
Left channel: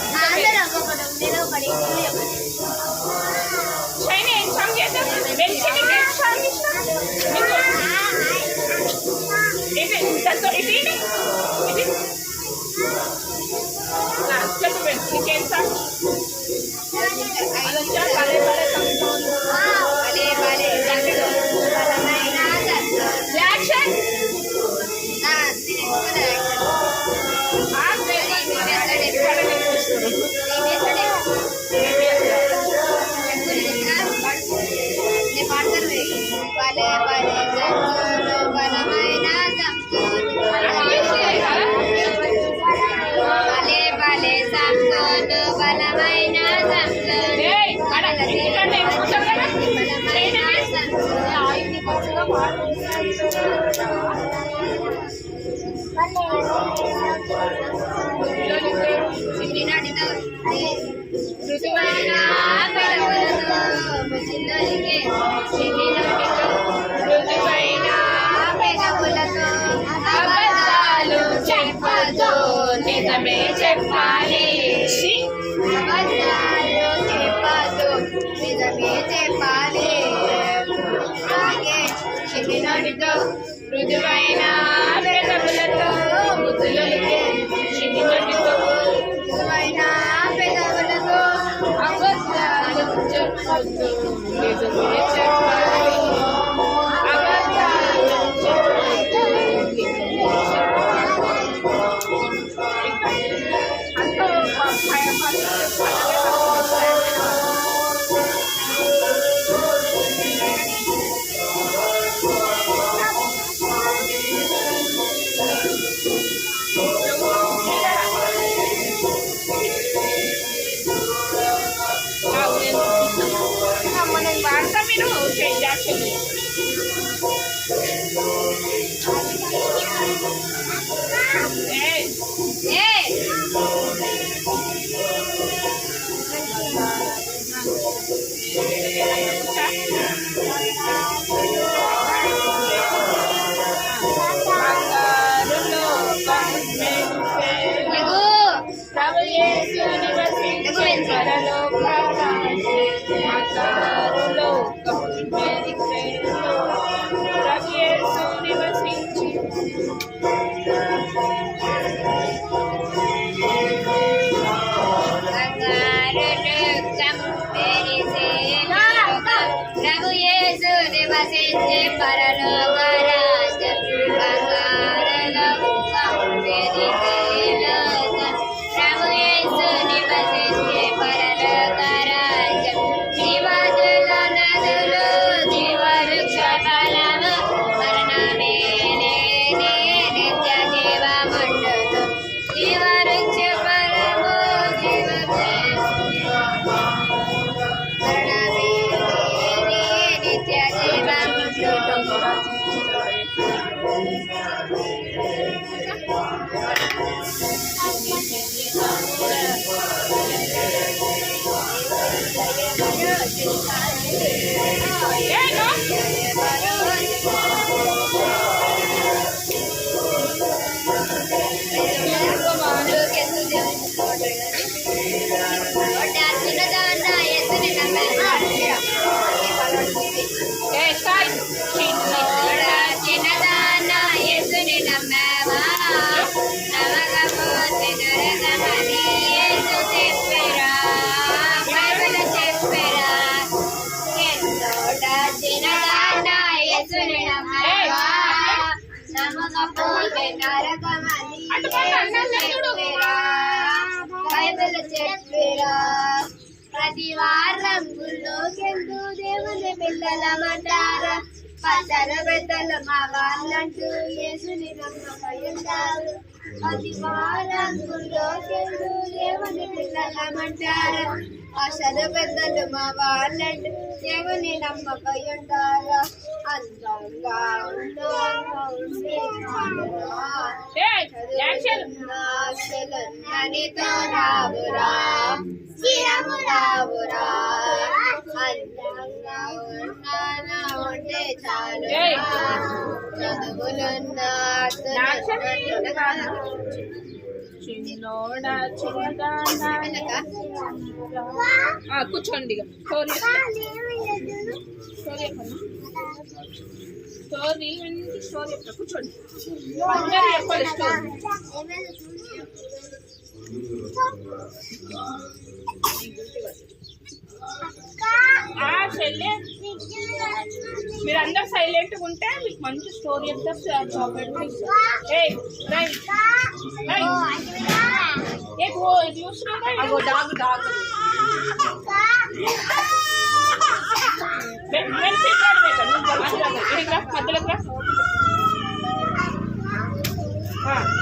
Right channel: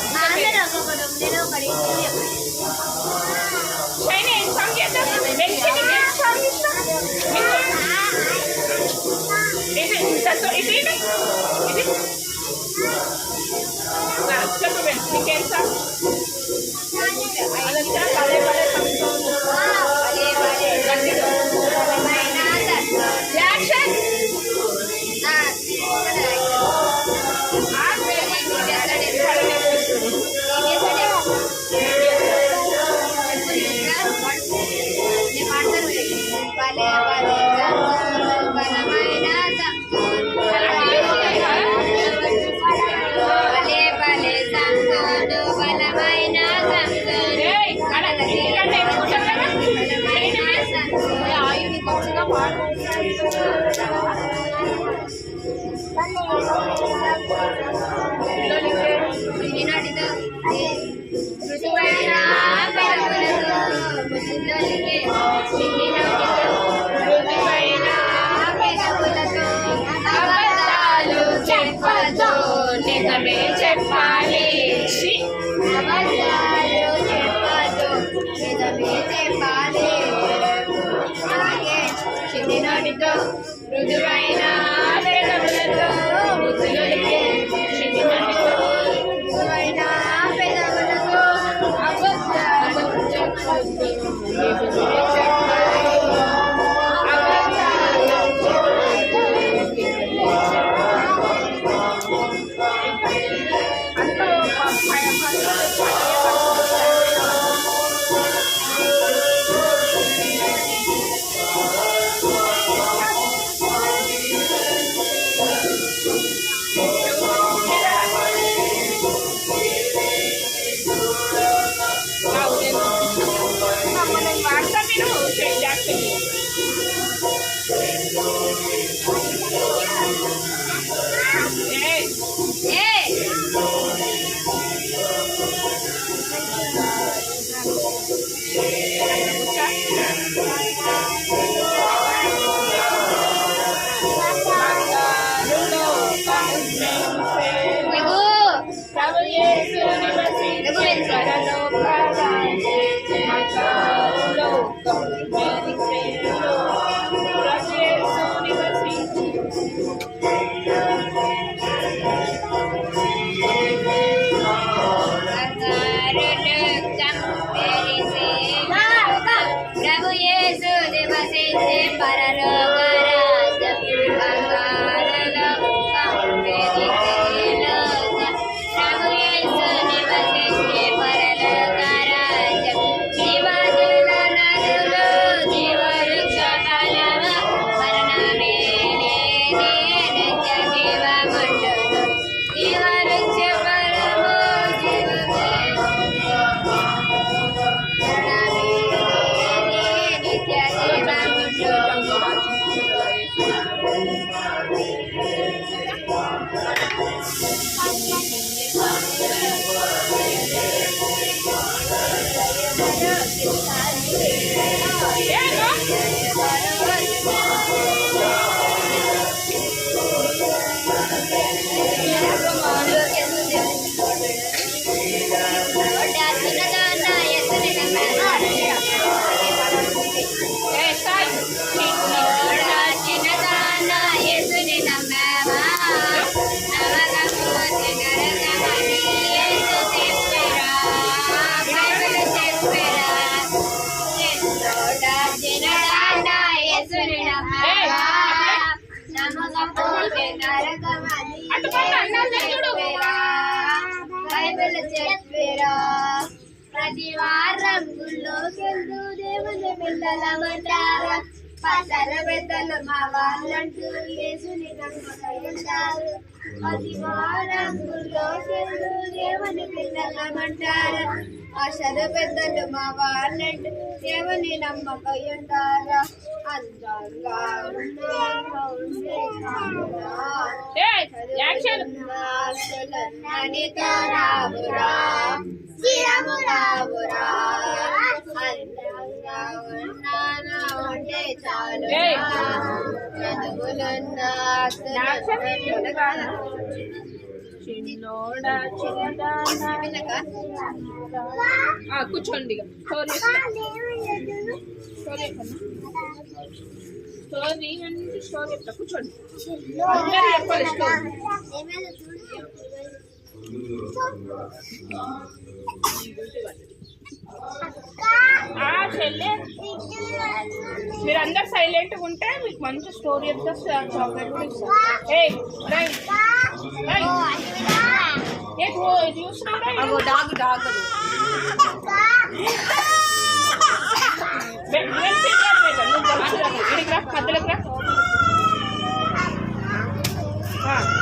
షైనీ ఏం సాంగ్ చేద్దాం వెలిసింది ఏం సాంగ్ ఇష్టం ఇది ఇది ఇది చెప్పు నీకేం సాంగ్ అదొచ్చా భలే భలే సంతోషం యాక్షన్ రుజువైన పెదవులతో ముద్దులొలికే చిన్ని నోటితో రుజువైన పెదవులతో అబద్ధాలు చెప్పొద్దు నిజమే చెప్పాలి అబద్ధాలు చెప్పొద్దు నిజమే చెప్పాలి చిన్ని నోటితో రుజువైన పెదవులతో ముద్దులొలికే చిన్ని నోటితో రుజువైన పెదవులతో అబద్ధాలు చెప్పొద్దు నిజమే చెప్పాలి అబద్ధాలు చెప్పొద్దు నిజమే చెప్పాలి అంతా మనం వాడతా మీరు చేయాలి చిన్నోడా చిన్నదాన యేసుని నమ్మవా నమ్మకపోతే నరకమని యేసు చెప్పెరా బైబిల్ చెప్పెరా చిన్నోడా చిన్నదాన యేసుని నమ్మవా నమ్మకపోతే నరకమని యేసు చెప్పెరా బైబిల్ చెప్పెరా ప్రతి వారం గుళ్ళోకెందు దేవుని పిల్లలమంటారా పాటల పెద్దలు మా వాళ్ళంటూ యేసుని నమ్మకయ్యుంటారు ప్రతి వారం గుళ్ళోకెందు దేవుని పిల్లలమంటారా పాటల పెద్దలు మా వాళ్ళంటూ దేవుని నమ్మకయ్యుంటారా అందంగా నీతో రావురా చిరము రావురా అందంగా ఉన్నానా ఉంటే చాలు చదువులున్నా చిన్నోడా చిన్నదానా కూర్చోండి ఇక. స్టోరీ అంటే స్టోరీ చెప్తా కూర్చోండి అందరూ చెప్పాలి స్టోరీ చెల్లె మీరందరు సైలెంట్గా ఉంటే మీకు మంచి స్టోరీ చెప్తా చాక్లెట్ కూడా ఇస్తాను నువ్వు కలుసురాదు ఇడికి రా మధ్యలోకి రా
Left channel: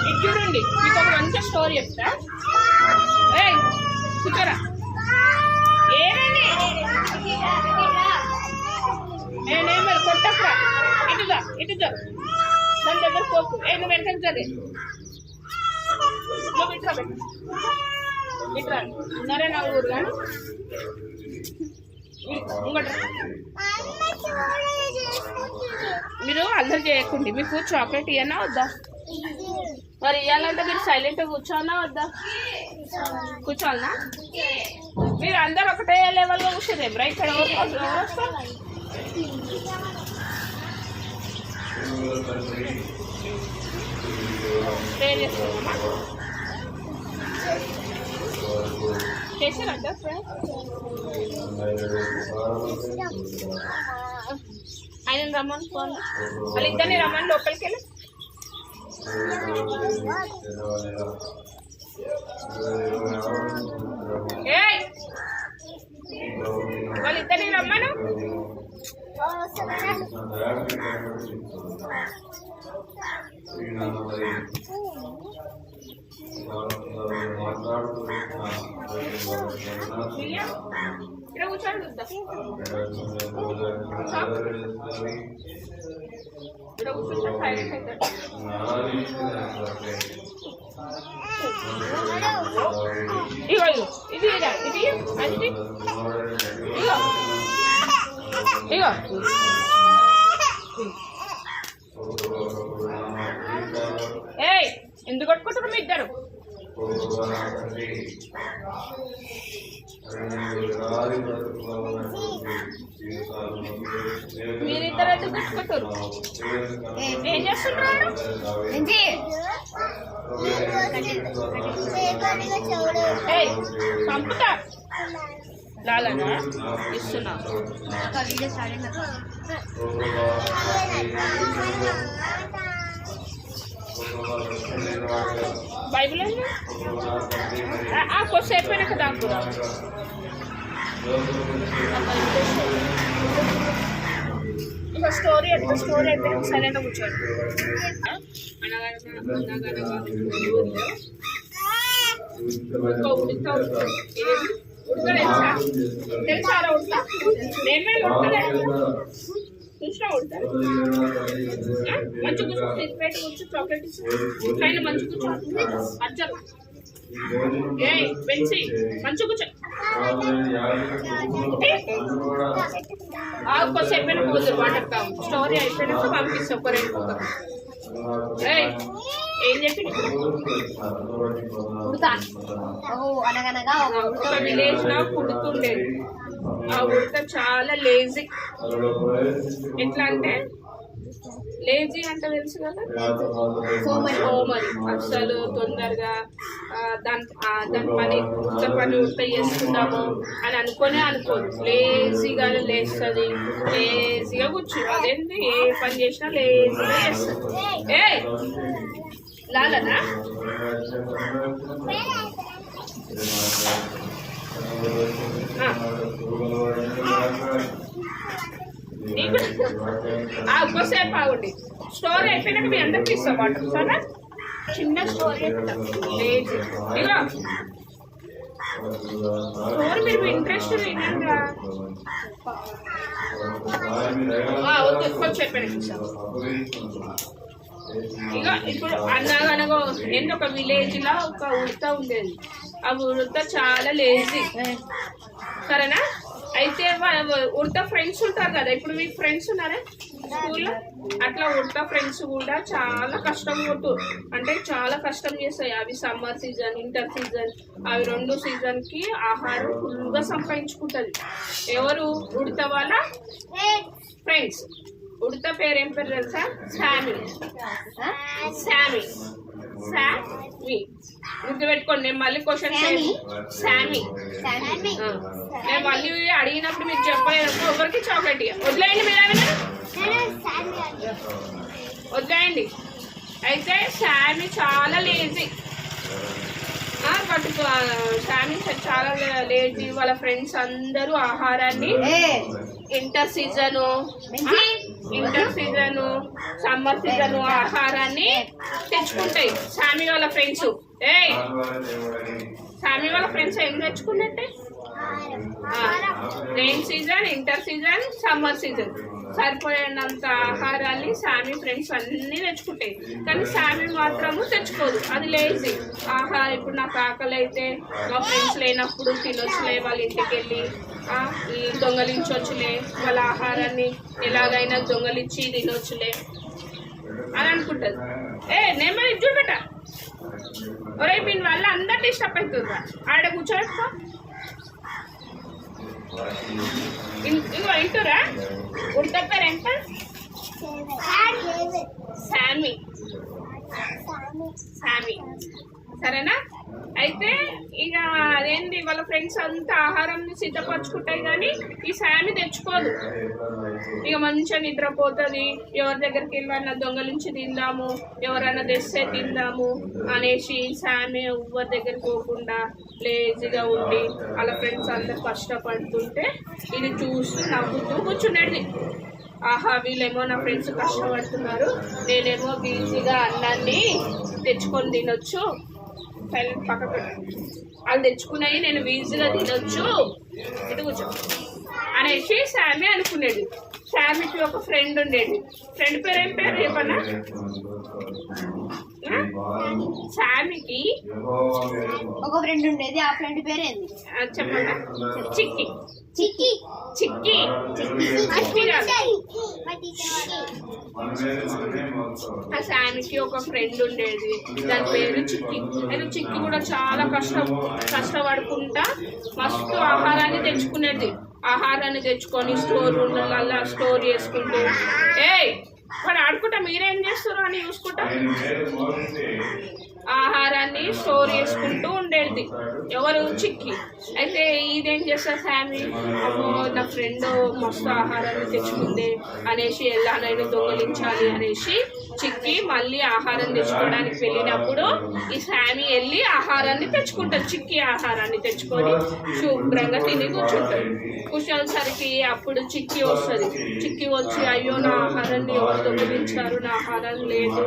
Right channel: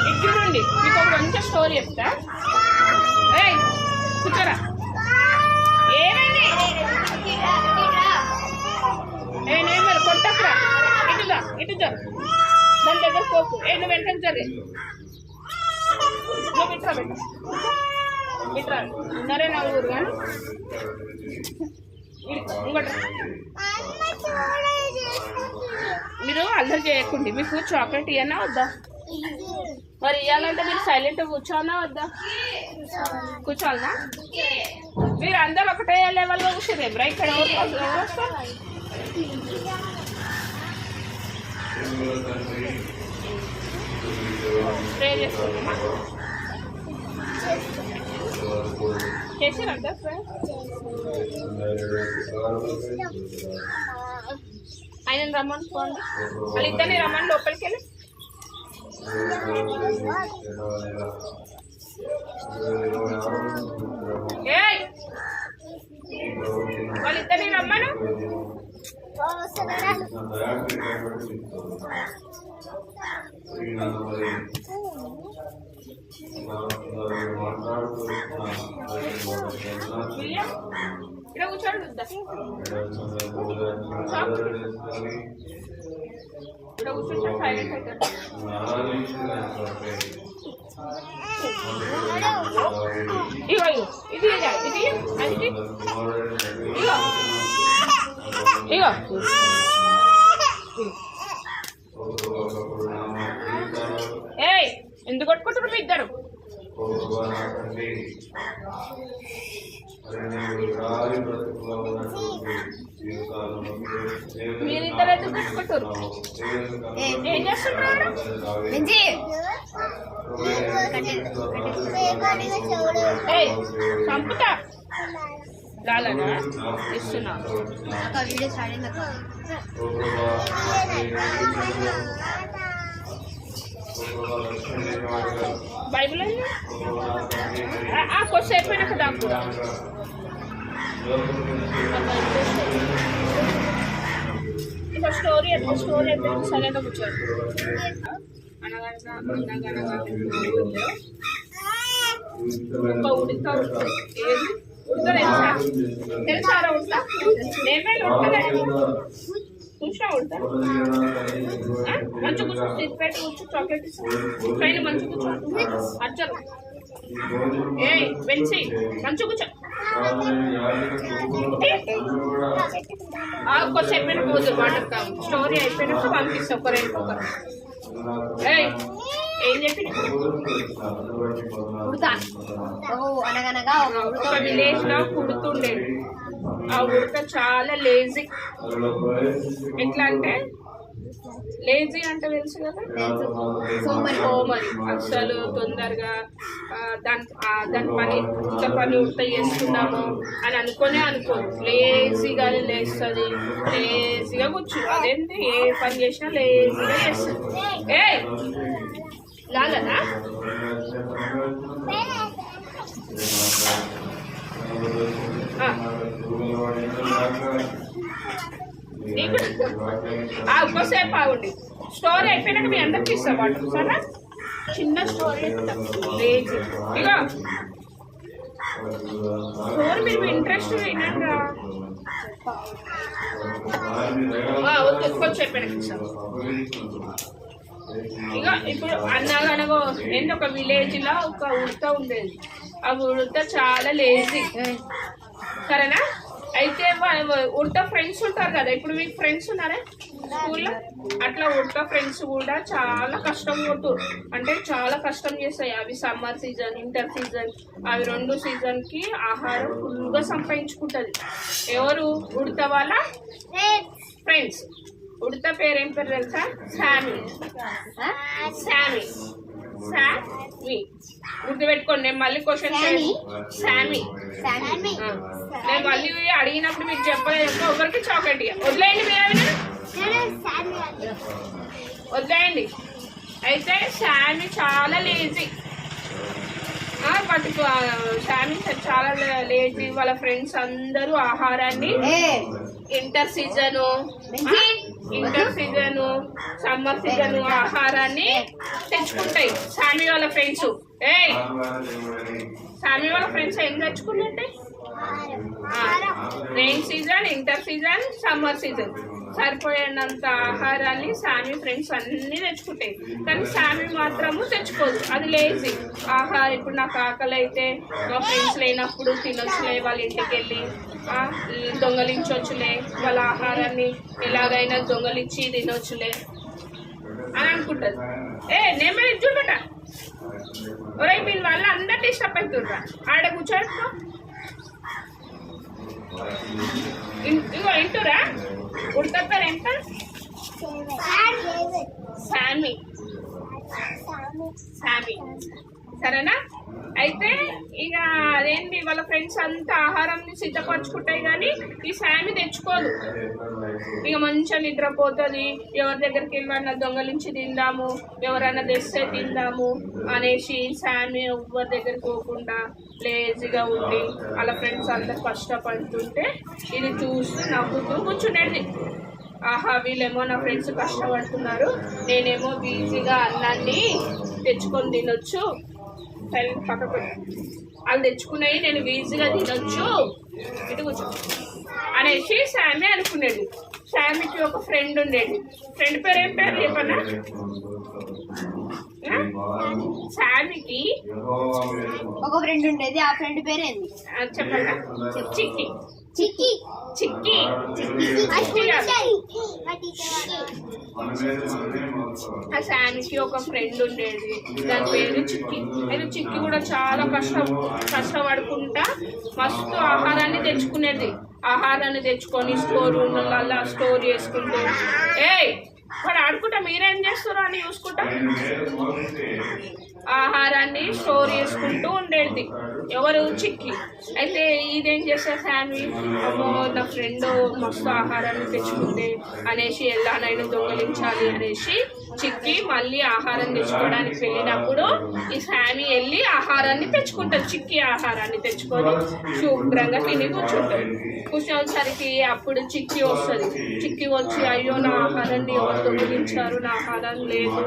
ఇటు చూడండి మీకు ఒక మంచి స్టోరీ చెప్తా ఏయ్ కూర్చోరా ఏనండి నేనేమో కొట్టకురా ఇటుగా దాని దగ్గర పోకు నువ్వు వెంటనే జరిగే నువ్వు ఇట్రా ఉన్నారే నా ఊరు కానీ ఇంకోట మీరు అల్లరి చేయకండి మీకు చాక్లెట్ ఇవ్వనా వద్దా మరి ఇవ్వాలంటే మీరు సైలెంట్గా కూర్చోనా వద్దా కూర్చోవాలనా మీరు అందరు ఒకటే లెవెల్లో కూర్చోరేమ్రా ఇక్కడ ఎవరు వస్తారు ప్రే చేస్తున్నామా చేసారంట ఆయన రమ్మని ఫోన్ వాళ్ళిద్దరిని రమ్మని లోపలికి వెళ్ళి వాళ్ళిద్దరిని రమ్మను ఇక్కడ కూర్చోండి ఇక్కడ కూర్చుంటే సైలెంట్ అవుతాడు ఇగో ఇది ఇది అంటే ఇగో ఇగో ఏయ్ ఎందుకు కొట్టుకుంటారు మీ ఇద్దరు మీరిద్దరు ఎందుకు కొట్టుకుంటారు ఏం చేస్తుంటారు చంపుతా లాలనా ఇస్తున్నా బైబిల్ కొంచెం అయిపోయినాక దాక్కురా ఇక స్టోరీ అయితే సైలెంట్గా కూర్చోండి అనగనగా ఊళ్ళో ఒక ఉడతా ఏది ఉడతా తెలుసా తెలుసారా ఉడతా నేను ఉడతలే కూర్చున్నా కొడతారు మంచి కూర్చో పెట్టి కూర్చో చాక్లెట్ ఇస్తా పైన మంచి కూర్చో అర్జర్ ఏ పెంచి మంచి కూర్చో ఒక్కసేపు పోదు వాటర్ కావు స్టోరీ అయిపోయినాక పంపిస్తా ఒకరు ఏం చెప్పి అనగనగా ఒక విలేజ్ లో పుడుతుండేది ఆ ఉడత చాలా లేజీ ఎట్లా అంటే లేజీ అంటే తెలుసు కదా సోమరి అసలు తొందరగా దాని పని ఉడత చేస్తున్నాము అని అనుకోదు లేజీగా లేస్తుంది లేజీగా కూర్చో అదేంటి ఏ పని చేసినా లేజీగా చేస్తుంది ఏ లాలనా ఒక్కసేపు ఆగుండి స్టోరీ అయిపోయినాక మీ అందరికి ఇస్తాం వాటర్ సరే చిన్న స్టోరీ లేదు ఇక స్టోరీ మీరు ఇంట్రెస్ట్ వినండి వద్దు కొంచెం అయిపోయినాక ఇస్తాం ఇక ఇప్పుడు అన్నగనగో ఏంటి ఒక విలేజ్ లో ఒక ఉడత ఉండేది ఆ ఉడత చాలా లేజీ సరేనా అయితే ఉడత ఫ్రెండ్స్ ఉంటారు కదా ఇప్పుడు మీకు ఫ్రెండ్స్ ఉన్నారా స్కూల్లో అట్లా ఉడత ఫ్రెండ్స్ కూడా చాలా కష్టం కొట్టు అంటే చాలా కష్టం చేస్తాయి అవి సమ్మర్ సీజన్ ఇంటర్ సీజన్ అవి 2 సీజన్కి ఆహారం ఫుల్గా సంపాదించుకుంటుంది ఎవరు ఉడత వాళ్ళ ఫ్రెండ్స్ ఉడత పేరు ఏం పేరు తెలుసా శామీ గుర్తుపెట్టుకోండి నేను మళ్ళీ క్వశ్చన్ శామీ నేను మళ్ళీ అడిగినప్పుడు మీకు చెప్పలేదు ఒకరికి చాక్లెట్ ఇక వదిలేయండి మీరు వదిలేయండి అయితే శామీ చాలా లేజీ బట్ శామీ చాలా లేజీ వాళ్ళ ఫ్రెండ్స్ అందరూ ఆహారాన్ని ఇంటర్ సీజను సమ్మర్ సీజను ఆహారాన్ని తెచ్చుకుంటాయి శామీ వాళ్ళ ఫ్రెండ్స్ శామీ వాళ్ళ ఫ్రెండ్స్ ఏం తెచ్చుకున్నట్టే rain season winter season summer season సరిపోయేంత ఆహారాన్ని శామీ ఫ్రెండ్స్ అన్నీ తెచ్చుకుంటాయి కానీ శామీ మాత్రము తెచ్చుకోదు అది లేజీ ఆహారం ఇప్పుడు నాకు ఆకలి అయితే మా ఫ్రెండ్స్ లేనప్పుడు తినొచ్చులే వాళ్ళ ఇంటికి వెళ్ళి దొంగలించవచ్చులే వాళ్ళ ఆహారాన్ని ఎలాగైనా దొంగలించి తినొచ్చులే అని అనుకుంటుంది నేమే చూడట ఒరే దీని వల్ల అందరు డిస్టర్బ్ అవుతుండ్రా ఆడ కూర్చోడుకో ఇగో ఇంటురా ఉడత పేరు ఎంత శామీ సరేనా అయితే ఇక అదేంటి వాళ్ళ ఫ్రెండ్స్ అంతా ఆహారం సిద్ధపరచుకుంటాయి కానీ ఈ శామీ తెచ్చుకోదు ఇక మంచిగా నిద్రపోతుంది ఎవరి దగ్గరికి వెళ్ళినా దొంగలించి తిందాము ఎవరైనా తెస్తే తిందాము అనేసి శామీ ఎవరి దగ్గరికి పోకుండా లేజీగా ఉండి వాళ్ళ ఫ్రెండ్స్ అందరు కష్టపడుతుంటే ఇది చూస్తూ నవ్వుతూ కూర్చునేది ఆహా వీళ్ళేమో నా ఫ్రెండ్స్ కష్టపడుతున్నారు నేనేమో ఈజీగా అన్నాన్ని తెచ్చుకొని తినొచ్చు పక్క వాళ్ళు తెచ్చుకున్నాయి నేను ఈజీగా తినొచ్చు ఇటు కూర్చో అనేసి శామీ అనుకునేది శామీకి ఒక ఫ్రెండ్ ఉండేది ఫ్రెండ్ పేరు ఏం పేరు చెప్పన్నా శామీకి ఒక ఫ్రెండ్ ఉండేది ఆ ఫ్రెండ్ పేరు ఏంది చెప్పన్నా చిక్కి చిక్కి చిక్కి చిక్కి కాదు ఆ శామీకి ఒక ఫ్రెండ్ ఉండేది దాని పేరు చిక్కి అయితే చిక్కి కూడా చాలా కష్టపడుకుంటా మస్తు ఆహారాన్ని తెచ్చుకునేది ఆహారాన్ని తెచ్చుకొని స్టోర్ రూమ్లలో స్టోర్ చేసుకుంటూ వాడు ఆడుకుంటా మీరేం చేస్తారో అని చూసుకుంటా ఆహారాన్ని స్టోర్ చేసుకుంటూ ఉండేది ఎవరు చిక్కి అయితే ఇదేం చేస్తారు శామీ అమ్మో నా ఫ్రెండ్ మస్తు ఆహారాన్ని తెచ్చుకుంది అనేసి ఎలానైనా దొంగలించాలి అనేసి చిక్కి మళ్ళీ ఆహారం తెచ్చుకోవడానికి వెళ్ళినప్పుడు ఈ శామీ వెళ్ళి ఆహారాన్ని తెచ్చుకుంటుంది చిక్కి ఆహారాన్ని తెచ్చుకొని శుభ్రంగా తిని కూర్చోసరికి అప్పుడు చిక్కి వస్తుంది చిక్కి వచ్చి అయ్యో నా ఆహారాన్ని ఎవరు దొంగిలించారు నా ఆహారం లేదు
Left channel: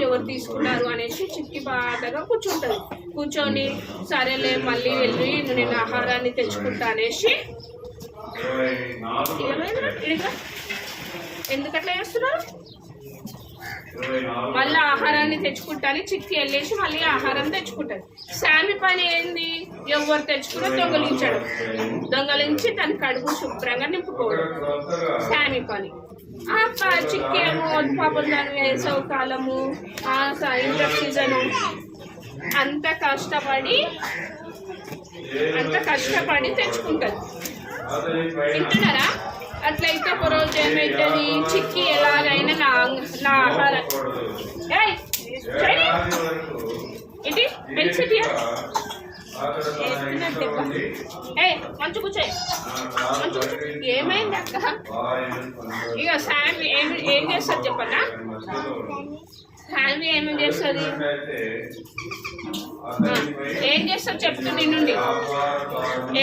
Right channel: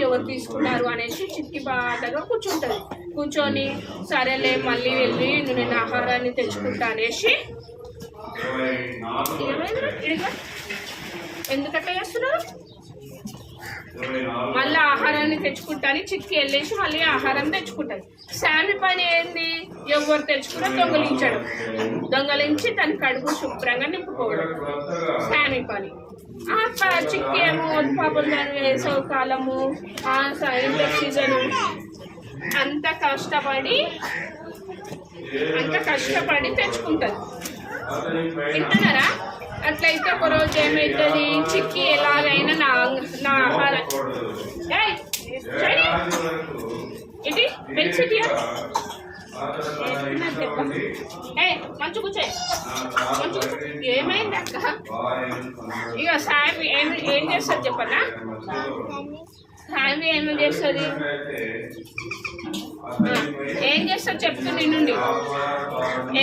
ఎవరు తీసుకున్నారు అనేసి చిక్కి బాధగా కూర్చుంటుంది కూర్చొని సరేలే మళ్ళీ వెళ్ళి నేను ఆహారాన్ని తెచ్చుకుంటా అనేసి ఎందుకు అట్లా చేస్తున్నారు? మళ్ళీ ఆహారాన్ని తెచ్చుకుంటాను చిక్కి వెళ్ళేసి మళ్ళీ ఆహారం తెచ్చుకుంటుంది. శామి పని ఏంది? ఎవరు తెచ్చుకున్నా దొంగలించడం, దొంగలించి తన కడుపు శుభ్రంగా నింపుకోవడం శామి పని. చిక్కి ఏమో పాపం దాని వేసవి కాలము ఇంటర్ సీజను అంత కష్టపడి తెచ్చుకుంటుంది. తింటున్నారా? అట్లయితే ఒక రోజు ఏమవుతుంది, చిక్కి ఎలాగైనా నా ఆహారం ఇది పెన్సిటీ మంచి కూర్చో ఏమైంది అక్క? ఇక శామి ఏం చేస్తుంది చెప్పన్నా? శామి ఏమేమి చేస్తుంది? ఏం చేస్తా చెప్తుంది నుండి.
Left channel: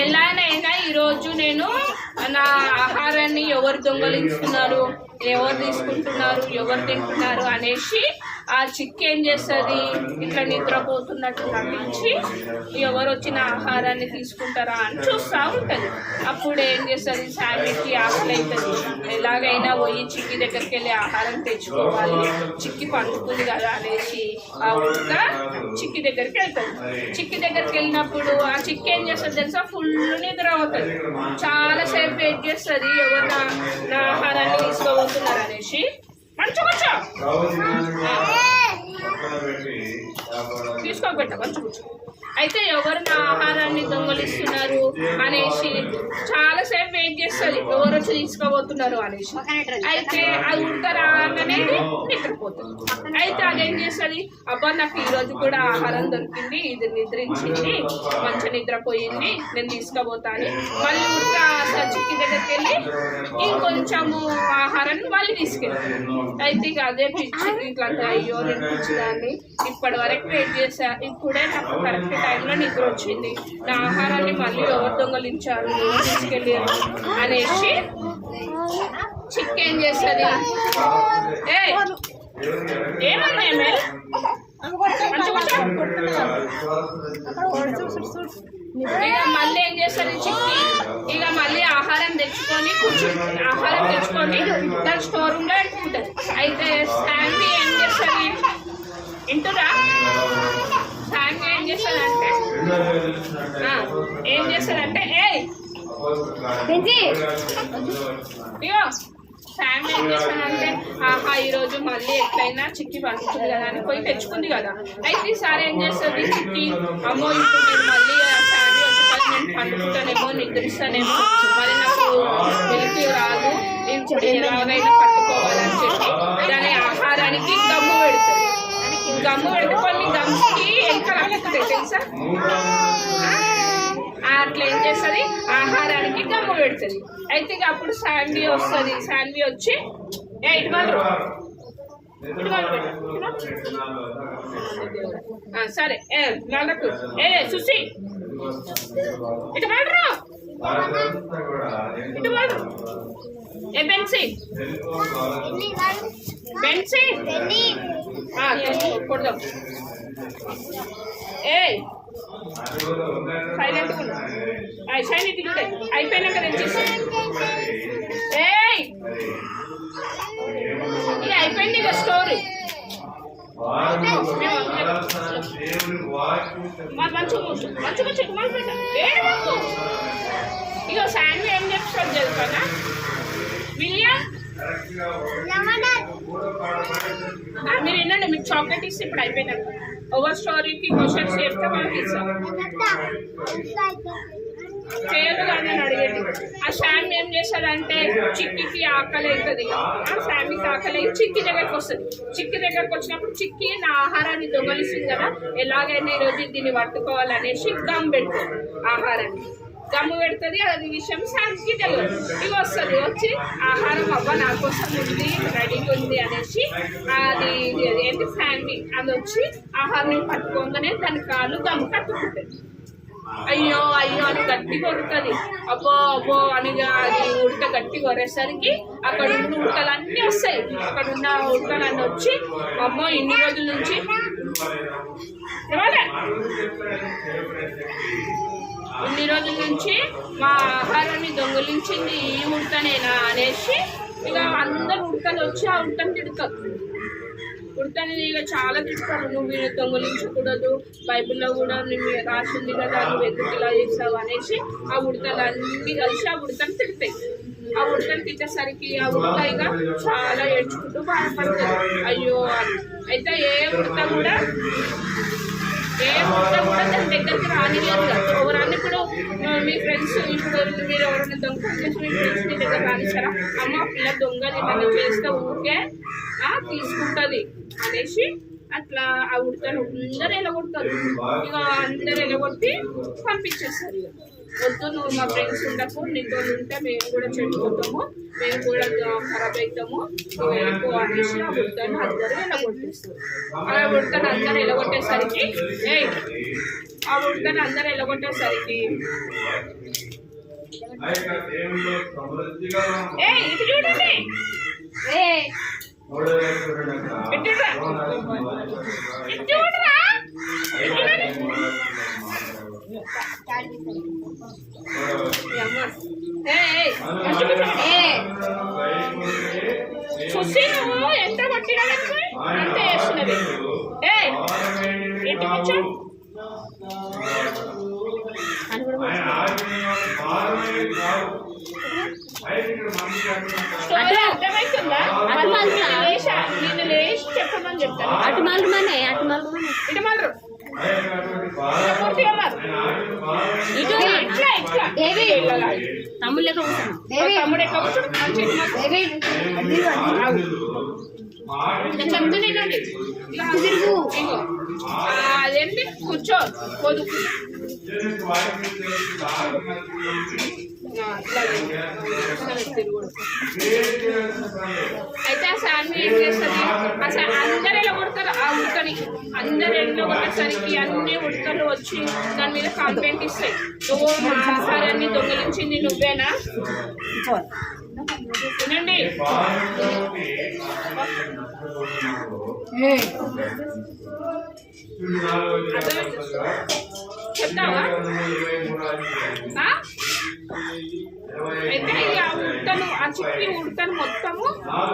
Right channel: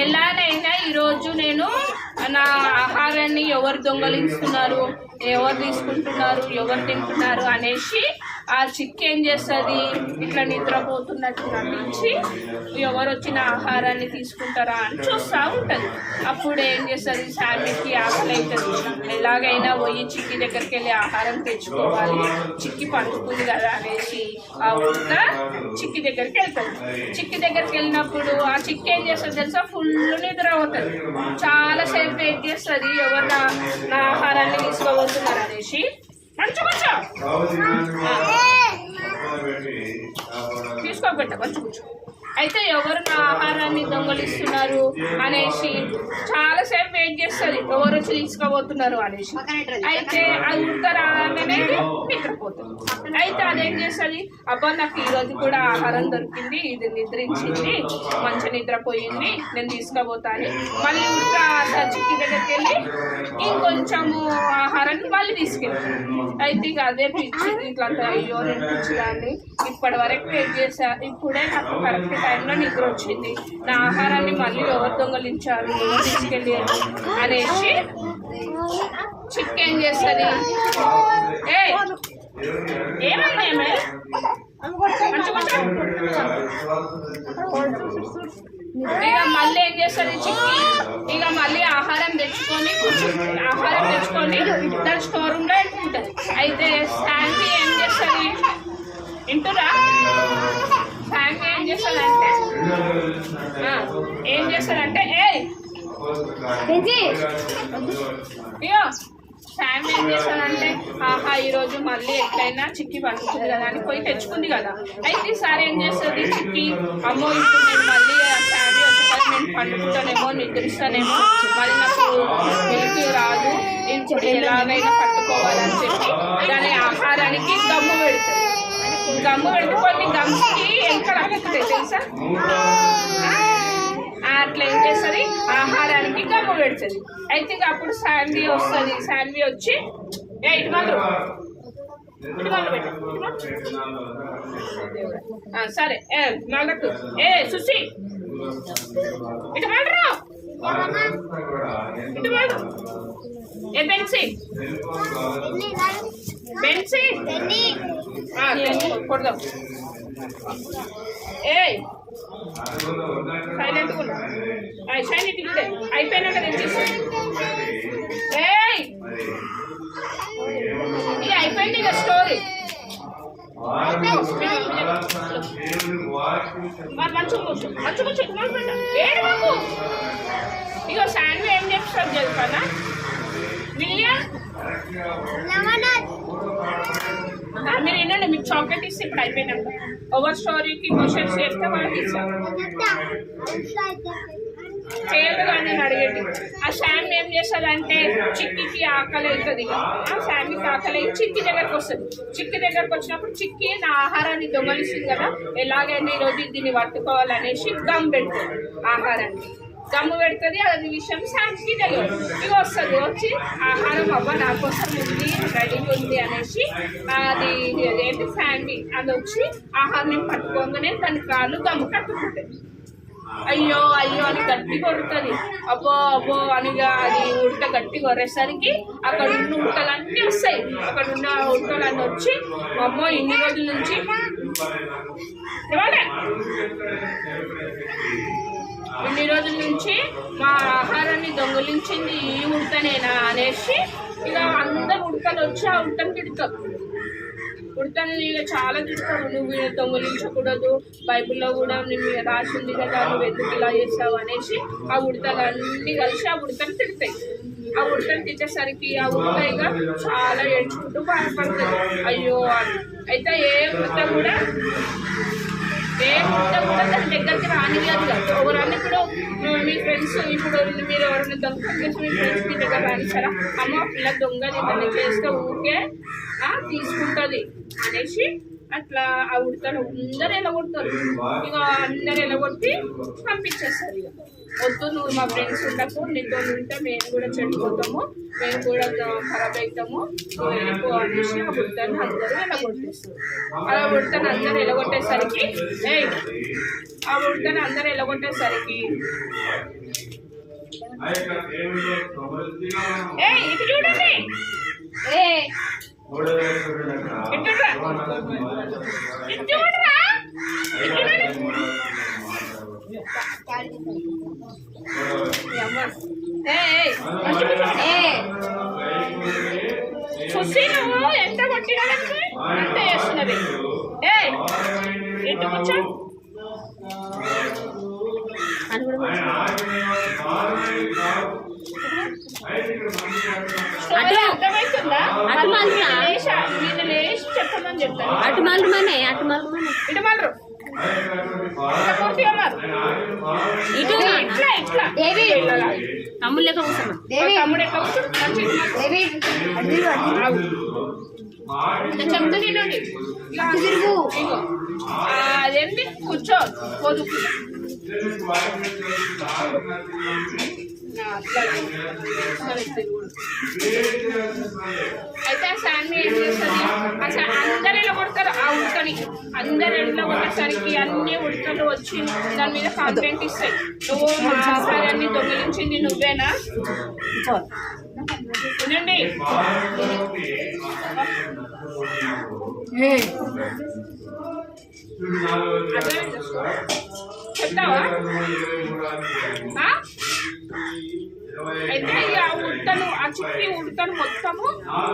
ఎలానైనా ఈరోజు నేను నా ఆహారాన్ని ఎవరు దొంగలిస్తున్నారు, ఎవరు తీసుకుంటున్నారు, ఎవరు తింటున్నారు అనేసి ఆ చిక్కి ఏం చేస్తుంది, ఇట్లా నిద్రపోతున్నట్టు నటించి ఎవరు వచ్చిన ఆహారాన్ని తీసుకుంటారా అని చూస్తూ ఉంటుంది. అప్పుడు ఏం చేస్తుంది, శామికి ఆకలి అవుతుంది. ఎలాగైనా పోయి చిక్కి దగ్గరికి వెళ్ళి ఆహారం తెచ్చుకోవాలి, చిక్కి పండుకుంది కదా అనేసి ఆ ఉడత చిక్కి దగ్గరికి వెళ్తుంది. చిక్కి దగ్గరికి వెళ్ళినప్పుడు ఆ చిక్కి ఏం చేస్తుంది తెలుసా, ఫుల్ నిద్ర అవుతుంది. చాలాసేపు వెయిట్ చేస్తుంది ఎవరు నా ఆహారాన్ని తీసుకోబోతున్నారు అనేసి. మంచి కూర్చో, తీసుకోబెట్ట మంచి కూర్చో. అయితే ఎవరు నా ఆహారాన్ని దొంగలిస్తున్నారు అనేసి చాలాసేపు వెయిట్ చేస్తుంది, ఎవరు వచ్చి తీసుకోబోతున్నారు అనేసి. అయితే అది ఉడకరాగానే నిద్రపోతుంది. అయితే అదేం చేస్తుంది, అబ్బా నాకు ఈరోజు కూడా ఆహారం దొరికింది, ఇది నిద్రించింది, మంచి నిద్రపోయింది, నేను తీసుకోబోతాను. మళ్ళీ ఉడక చిక్కి దగ్గరికి వెళ్ళి ఇంకొంచెము ఆహారాన్ని మళ్ళీ తీసుకెళ్ళి. అయితే ఇక అదే పిచ్చి ఇట్లా అయ్యో నేను పిచ్చిదాన్ని, ఇప్పటి వరకు వెయిట్ చేశా, ఇప్పుడే నాకు కరెక్ట్ టైంలో నిద్ర వచ్చింది, నా ఆహారాన్ని మళ్ళీ ఎవరు దొంగలించారు తీసుకెళ్ళి అనేసి చిక్కి ఏం చేస్తుంది, ఏమన్నా ఏమే ఇక మళ్ళీ ఏం చేస్తుంది చిక్కి, ఇక మళ్ళీ ఆహారం తెచ్చుకొని దాని స్టోర్ రూమ్ లో పెట్టుకుంటుంది. అయితే శాండీ ఏం చేస్తుంది వింటురా, శాండీ ఏం చేస్తుందంటే ఇగో శాండీ ఏం చేస్తానంటే ఆహా ఈరోజు మళ్ళీ ఎట్లయినా చిక్కి పండుతుంది కదా అని పోయి తెచ్చుకుంది కదా. అయితే ఈసారి ఏం చేస్తుంది చిక్కి, అమ్మో ఇప్పుడు నేను మళ్ళీ శాండీ వచ్చి నేను పండుకుంటానేమో, నిద్రిస్తానేమో, మళ్ళీ నాకు వెలికి రాదు, ఇప్పుడు ఎలాగైనా పట్టుకోవాలని చెప్పి దాని ఆహారానికి గమ్ము పెడుతుంది. గమ్ము పెడితే కొన్ని గమ్ముకి ఎలుకలు అక్కడుతాయి తెలుసా. అట్లా ఏం చేస్తుంది, ఆహారానికి గమ్ము పెడుతుంది. అయితే ఇక అప్పుడు శాండీ వస్తుంది. శాండీ వచ్చి ఇటు సరే మళ్ళకు సుసి ఇటు మళ్ళరు బెన్సీ కొడదాం. సైలెంట్గా ఉన్నా, సైలెంట్ చూడే అయిపోయినాక తెచ్చేసి ఇది అయిపోయింది ఇక స్టోరీ. ఇక శాండీ ఏం చెప్తాడు తెలుసా, విలియం మీరు వినండి, మీకు చాక్లెట్ ఇస్తే ఇప్పుడు అయిపోయినాక ఓవర్ స్టోరీకి క్వశ్చన్స్ చెప్తే మనకి ఇస్తాం చేయదు కానీ నేను అడిగేది. ఆ శాండీ ఏం చేస్తుందంటే చిక్కికి ఆకలి అవుతుంది, ఆ శాండీకి ఆకలి అయ్యి చిక్కి దగ్గరకు వస్తుంది. చిక్కి దగ్గరకు వచ్చినప్పుడు చిక్కి నా ఆహారాన్ని దొంగలిస్తుంది కదా, ఎలాగైనా ఈరోజు దీన్ని పట్టుకోవాలనేసి గమ్ పెడుతుంది. ఆహారాన్ని గమ్ము పెడుతుంది. అది విషయం శాండీకి తెలియదు. ఇక వస్తుంది, వచ్చి ఆహారం అవ్వ నా కోసం ఉంది, రెడీగా ఉంది అనేసి అది ఏంటి శాండీ అది వచ్చి ఆహారం పట్టుకోగానే దాని కాళ్ళు గమ్ము కట్టుకుంటుంది. అయ్యో అయ్యో అని గట్టి కొడుతుంది. అబ్బో అబ్బో అనిగా అది ఉడత గట్టి కొరేసరికి అక్కడ ఉన్న ఉడతలన్నీ వస్తాయి. అక్కడ ఉన్న ఉడతలన్నీ వచ్చి అమ్మో ఇన్ని రోజుల నుంచి ఇన్ని రోజుల నుంచి మా ఆహారాన్ని దొంగిలించింది ఈ ఉడతనేనా అనేసి ఇక అందరు ఉడతలు వచ్చి ఆ ఉడతను తిడతారు. ఉడతని ఇక చాలా తిడతారు, నువ్వు దొంగిలించకూడదు, బైబిల్లో కూడా నువ్వు రాసింది కదా, నువ్వు ఎందుకు ఇలా చేస్తావు అనేసి ఆ ఉడతలు అన్నీ కలిసి ఆ ఉడతను తిడతాయి. ఆ ఉడతను తిట్టేసరికి ఆ ఉడత ఇక చాలా ఏడ్చుకుంటూ బాధపడుతుంది అయ్యో అని. అయితే ఏ ఉడత కూడా దాని దగ్గరికి రానివ్వదు కదా. ఎవరన్నా ఇప్పుడు మీ ఫ్రెండ్స్ ఇప్పుడు మీరు ఎవరైనా దొంగతనం చేసి మీ ఫ్రెండ్స్ మీ దగ్గర రానిస్తారా, అమ్మ పిల్ల దొంగది ఏమైనా చేస్తే ఊరికే తీసుకుంటుంది అనేసి అట్లా ఆ ఉడతను అందరు ఎలగొడతారు. ఇక అందరు ఎలగొట్టి పంపించేస్తారు. ఇక వద్దు, నువ్వు మా ఫ్రెండ్స్ ఉండకు, నీతో ఉంటే మేము కూడా చెడిపోతాము, మేము కూడా ఖరాబ్ అవుతాము, నువ్వు వెళ్ళిపో అనేసి ఆ ఉడతను అందరూ ఎలగొట్టేస్తారు. అలా ఉడతను అందరు ఎలగొట్టేసరికి ఇటు చూడండి, చూసి నువ్వు ఎంత కొట్టినా అంతే చేస్తున్నది. ఇంటికి వచ్చా అర్థమవుతుందా? నేను లేచి చెప్పమని చెప్తాను. అటు మళ్ళీ ఇటు మళ్ళరు పూర్తిగా ఇట్లా ఇట్లా తమ్ముడు లెక్క కూర్చున్నాం. తమ్ముడు ఎట్లా కూర్చోడు చెప్తూ నిండి ఇగో అదేంటి కూర్చో పోదు అయితే ఆ శాన్వి ఏం చేస్తుంది, అసలు అందరు ఎలా కొడతారు ఆ ఉడకని, అందరు ఎలా కొట్టేసరికి అన్ని ఉడకలు వచ్చి దాని మీద కంప్లైంట్ ఇస్తాయి, నువ్వు మా ఆహారాన్ని దొంగిలించింది నువ్వేనా. వినండి, చెప్తావా? అయితే ఇక ఉడతను ఆ చిట్టి ఉడతను మొత్తము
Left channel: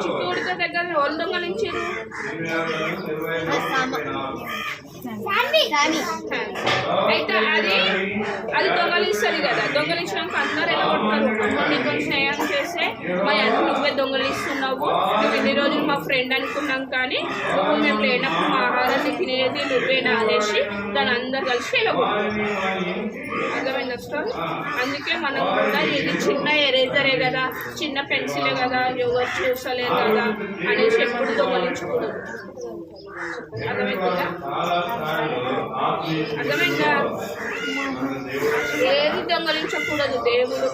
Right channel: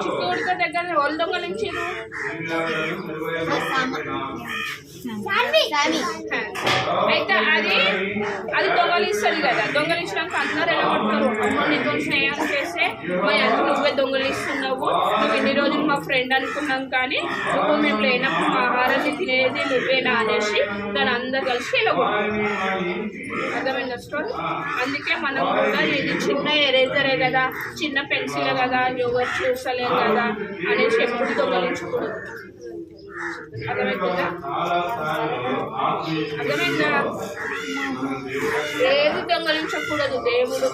చిట్టి ఉడత దగ్గర వాళ్ళు దొంగలించారు. అయితే అది దొంగలిస్తుంది కదా, దొంగలించడానికి అందరు ఎలా కొడతారు, అమ్మ నీతో స్నేహం చేస్తే మా అన్ని నువ్వే దొంగలిస్తున్నావు, నువ్వు ఇన్ని రోజులు మా ఫ్రెండ్ అనుకున్నాం కానీ నువ్వు మేము లేనప్పుడు మా ఆహారాన్ని తినేది నువ్వేనా అనేసి దాని అందరు కలిసి ఎలా కొడతారు. అర్థమైందా స్టోరీ? అందుకే మనం కూడా ఇది చిన్న ఎరేజరే కదా, చిన్న పెన్సిలే కదా, ఎవరు చూసలేరు కదా అనేసి ఎప్పుడు దొంగలించకూడదు. అర్థమైందా? ఏది దొంగలించకూడదు. దేవుడు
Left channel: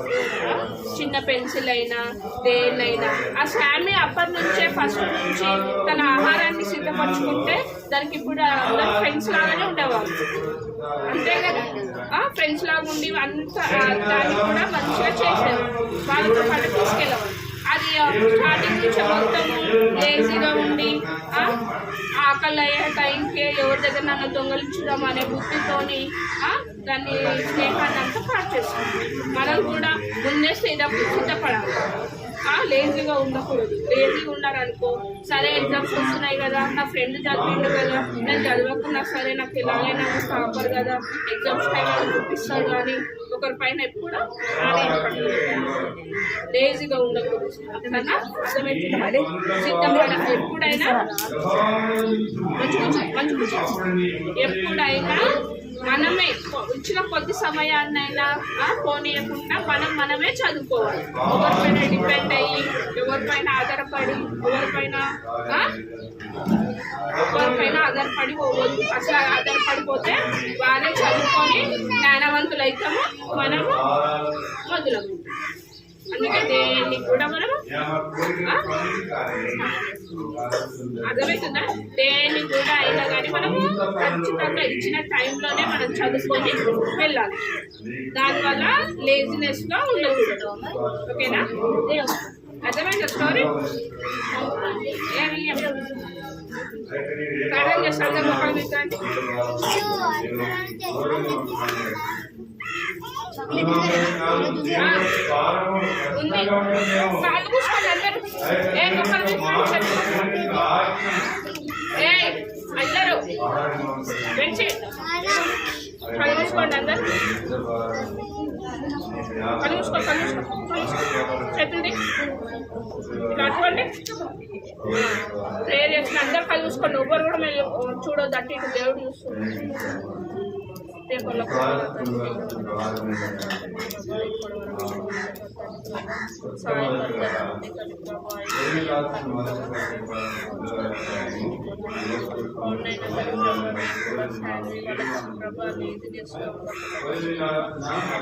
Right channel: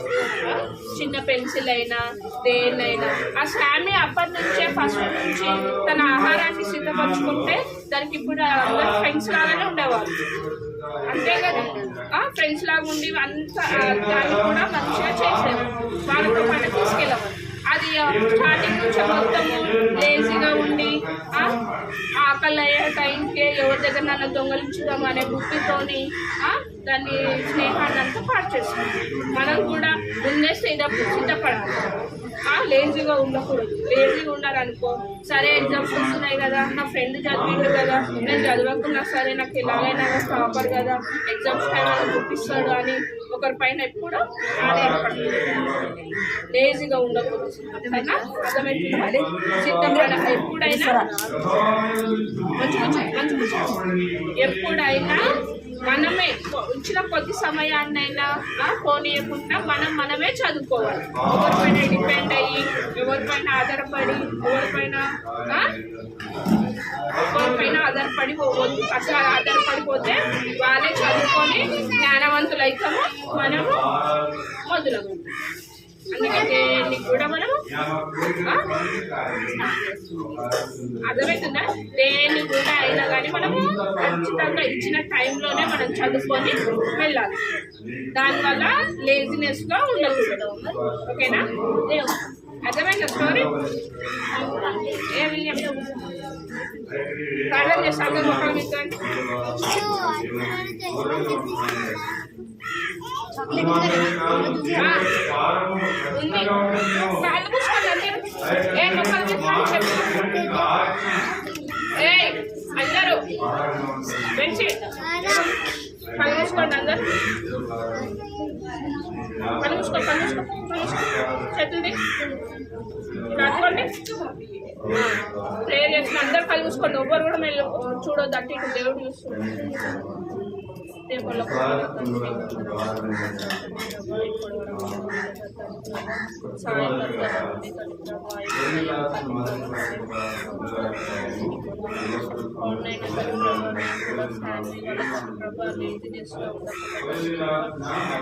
చిన్న పెన్సిల్ అయినా దేన్నైనా ఆ శామి అప్పటి నుంచే ఫస్ట్ నుంచి తన ఆహారాన్ని సిద్ధపరచుకుంటే దానికి ఇప్పుడు అందరు ఫ్రెండ్స్ లాగానే ఉండేవాళ్ళు, అంతే కదా. ఫ్రెండ్స్ లాగా ఉండి అంత దాన్ని కూడా మంచిగా చేసేవారు, వాళ్ళతో పాటు తీసుకెళ్ళేవారు. అది స్టార్టింగ్ నుంచి మొత్తము లేజీగా ఉండి ఆకలి అయ్యే టైంకే ఎవరి దగ్గర నన్ను దొంగలించుదాం అనే బుద్ధితోని దాన్ని స్నేహాన్ని అంతా పాటు చేస్తాం. మనం కూడా ముందే సిద్ధపడాలి, లేజీగా ఉండకూడదు. లేజీగా ఉన్నారనుకో, సరే ఎగ్జామ్స్ వస్తున్నాయి కదా, నా ఫ్రెండ్ చదివిండు కదా, నేను చదవకున్నా సరే నాకు ఎలాగైనా టాపర్ కదా, ఎగ్జామ్స్ టైం అని చూపిస్తాడు అని ఒకరి పైన ఎప్పుడు ఆధారపడదు. లేజీగా ఉండకూడదు, అర్థమైనా? సిద్ధపడ ఎప్పుడైనా ఎప్పుడైనా మనమే ఇచ్చిన కొద్ది సమయాన్నైనా పోనీయకుండా మనమే చదువుకోవాలి. ఎవరిపైన డిపెండ్ అయ్యి ఎవరిపైన ఆధారపడి ఎవరిపైన పోవద్దు. అట్లా ఆధారపడిపోతే వాళ్ళే చదువుకొని జ్ఞానవంతులు అవుతాము, మనము మొదలవుతాం. అందుకే దేన్ని కూడా మనము అర్థమవుతుందా, దేన్ని కూడా అయినా కానీ మనము ఖచ్చితంగా ఇచ్చిన టైంలోనే మనం చదువుకొని వెళ్ళాలి. దానివల్ల లేజినెస్గా ఉండకూడదు. ఓకేనా? అర్థమైందా స్టోరీ? ఏమి ప్రార్థన చేస్తాను మొక్కలు మీకు ఉంది కాళ్ళు మూసుకోండి అందరూ ఏ మొక్కలు మూసుకోండి చెప్పుకోండి ఏ అందరూ బెంచి కళ్ళు మూసుకోండి అందరూ కళ్ళు మూసుకో చేతులది ఇలా అట్టుకోండి ప్రేయర్ చేసిన అందరూ కళ్ళు మూసుకోండి ఎవ్వరు కూడా మేము చూడొద్దు అటు ఇటు దేవుడు చూస్తుంది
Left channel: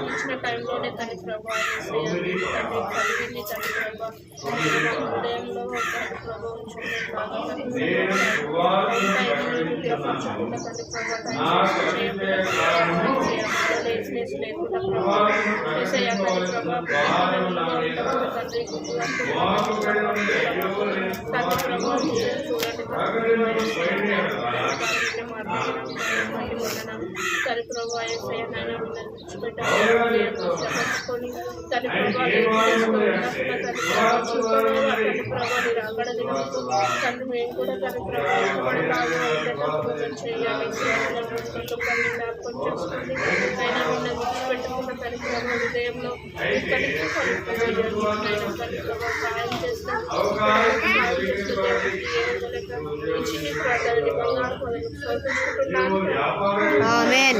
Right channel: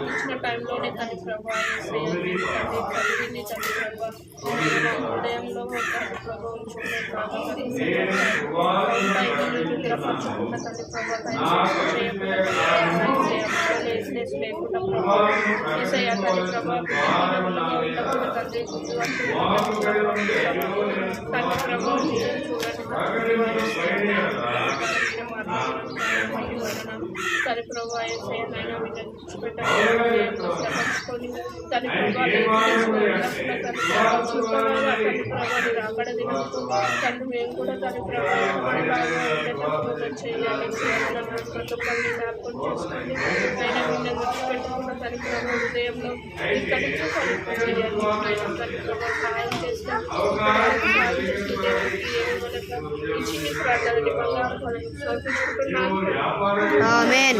ఇచ్చిన టైంలోనే తన ప్రభా కలిగింది తన ప్రభా హృదయంలో ప్రభా ఉంచుకునే లేజినెస్ లేకుండా ప్రభా ఏసయ్యా తల్లి ప్రభా తండ్రి తండ్రి ప్రభా చూడండి తల్లి ప్రభా ఏసయ్యా నాయన వీళ్ళని విడిచిపెట్టుకొని తల్లి ప్రభా తల్లి ప్రభా మీరు అక్కడ దిగుతూ తండ్రి మేము కూడా తల్లి ప్రభా చేయాలి జ్ఞాపకం చేసుకోండి ఆయన వీళ్ళని విడిచిపెట్టకుండా తల్లి ప్రభా హృదయంలో తల్లికి చేయాలి ఆయన తల్లి ప్రభా సహాయం చేస్తే దేవుడికి ఈ చిన్ని ప్రార్థనని బంగారు పదవి సమర్పించుకుంటున్నాను. ఆమేన్.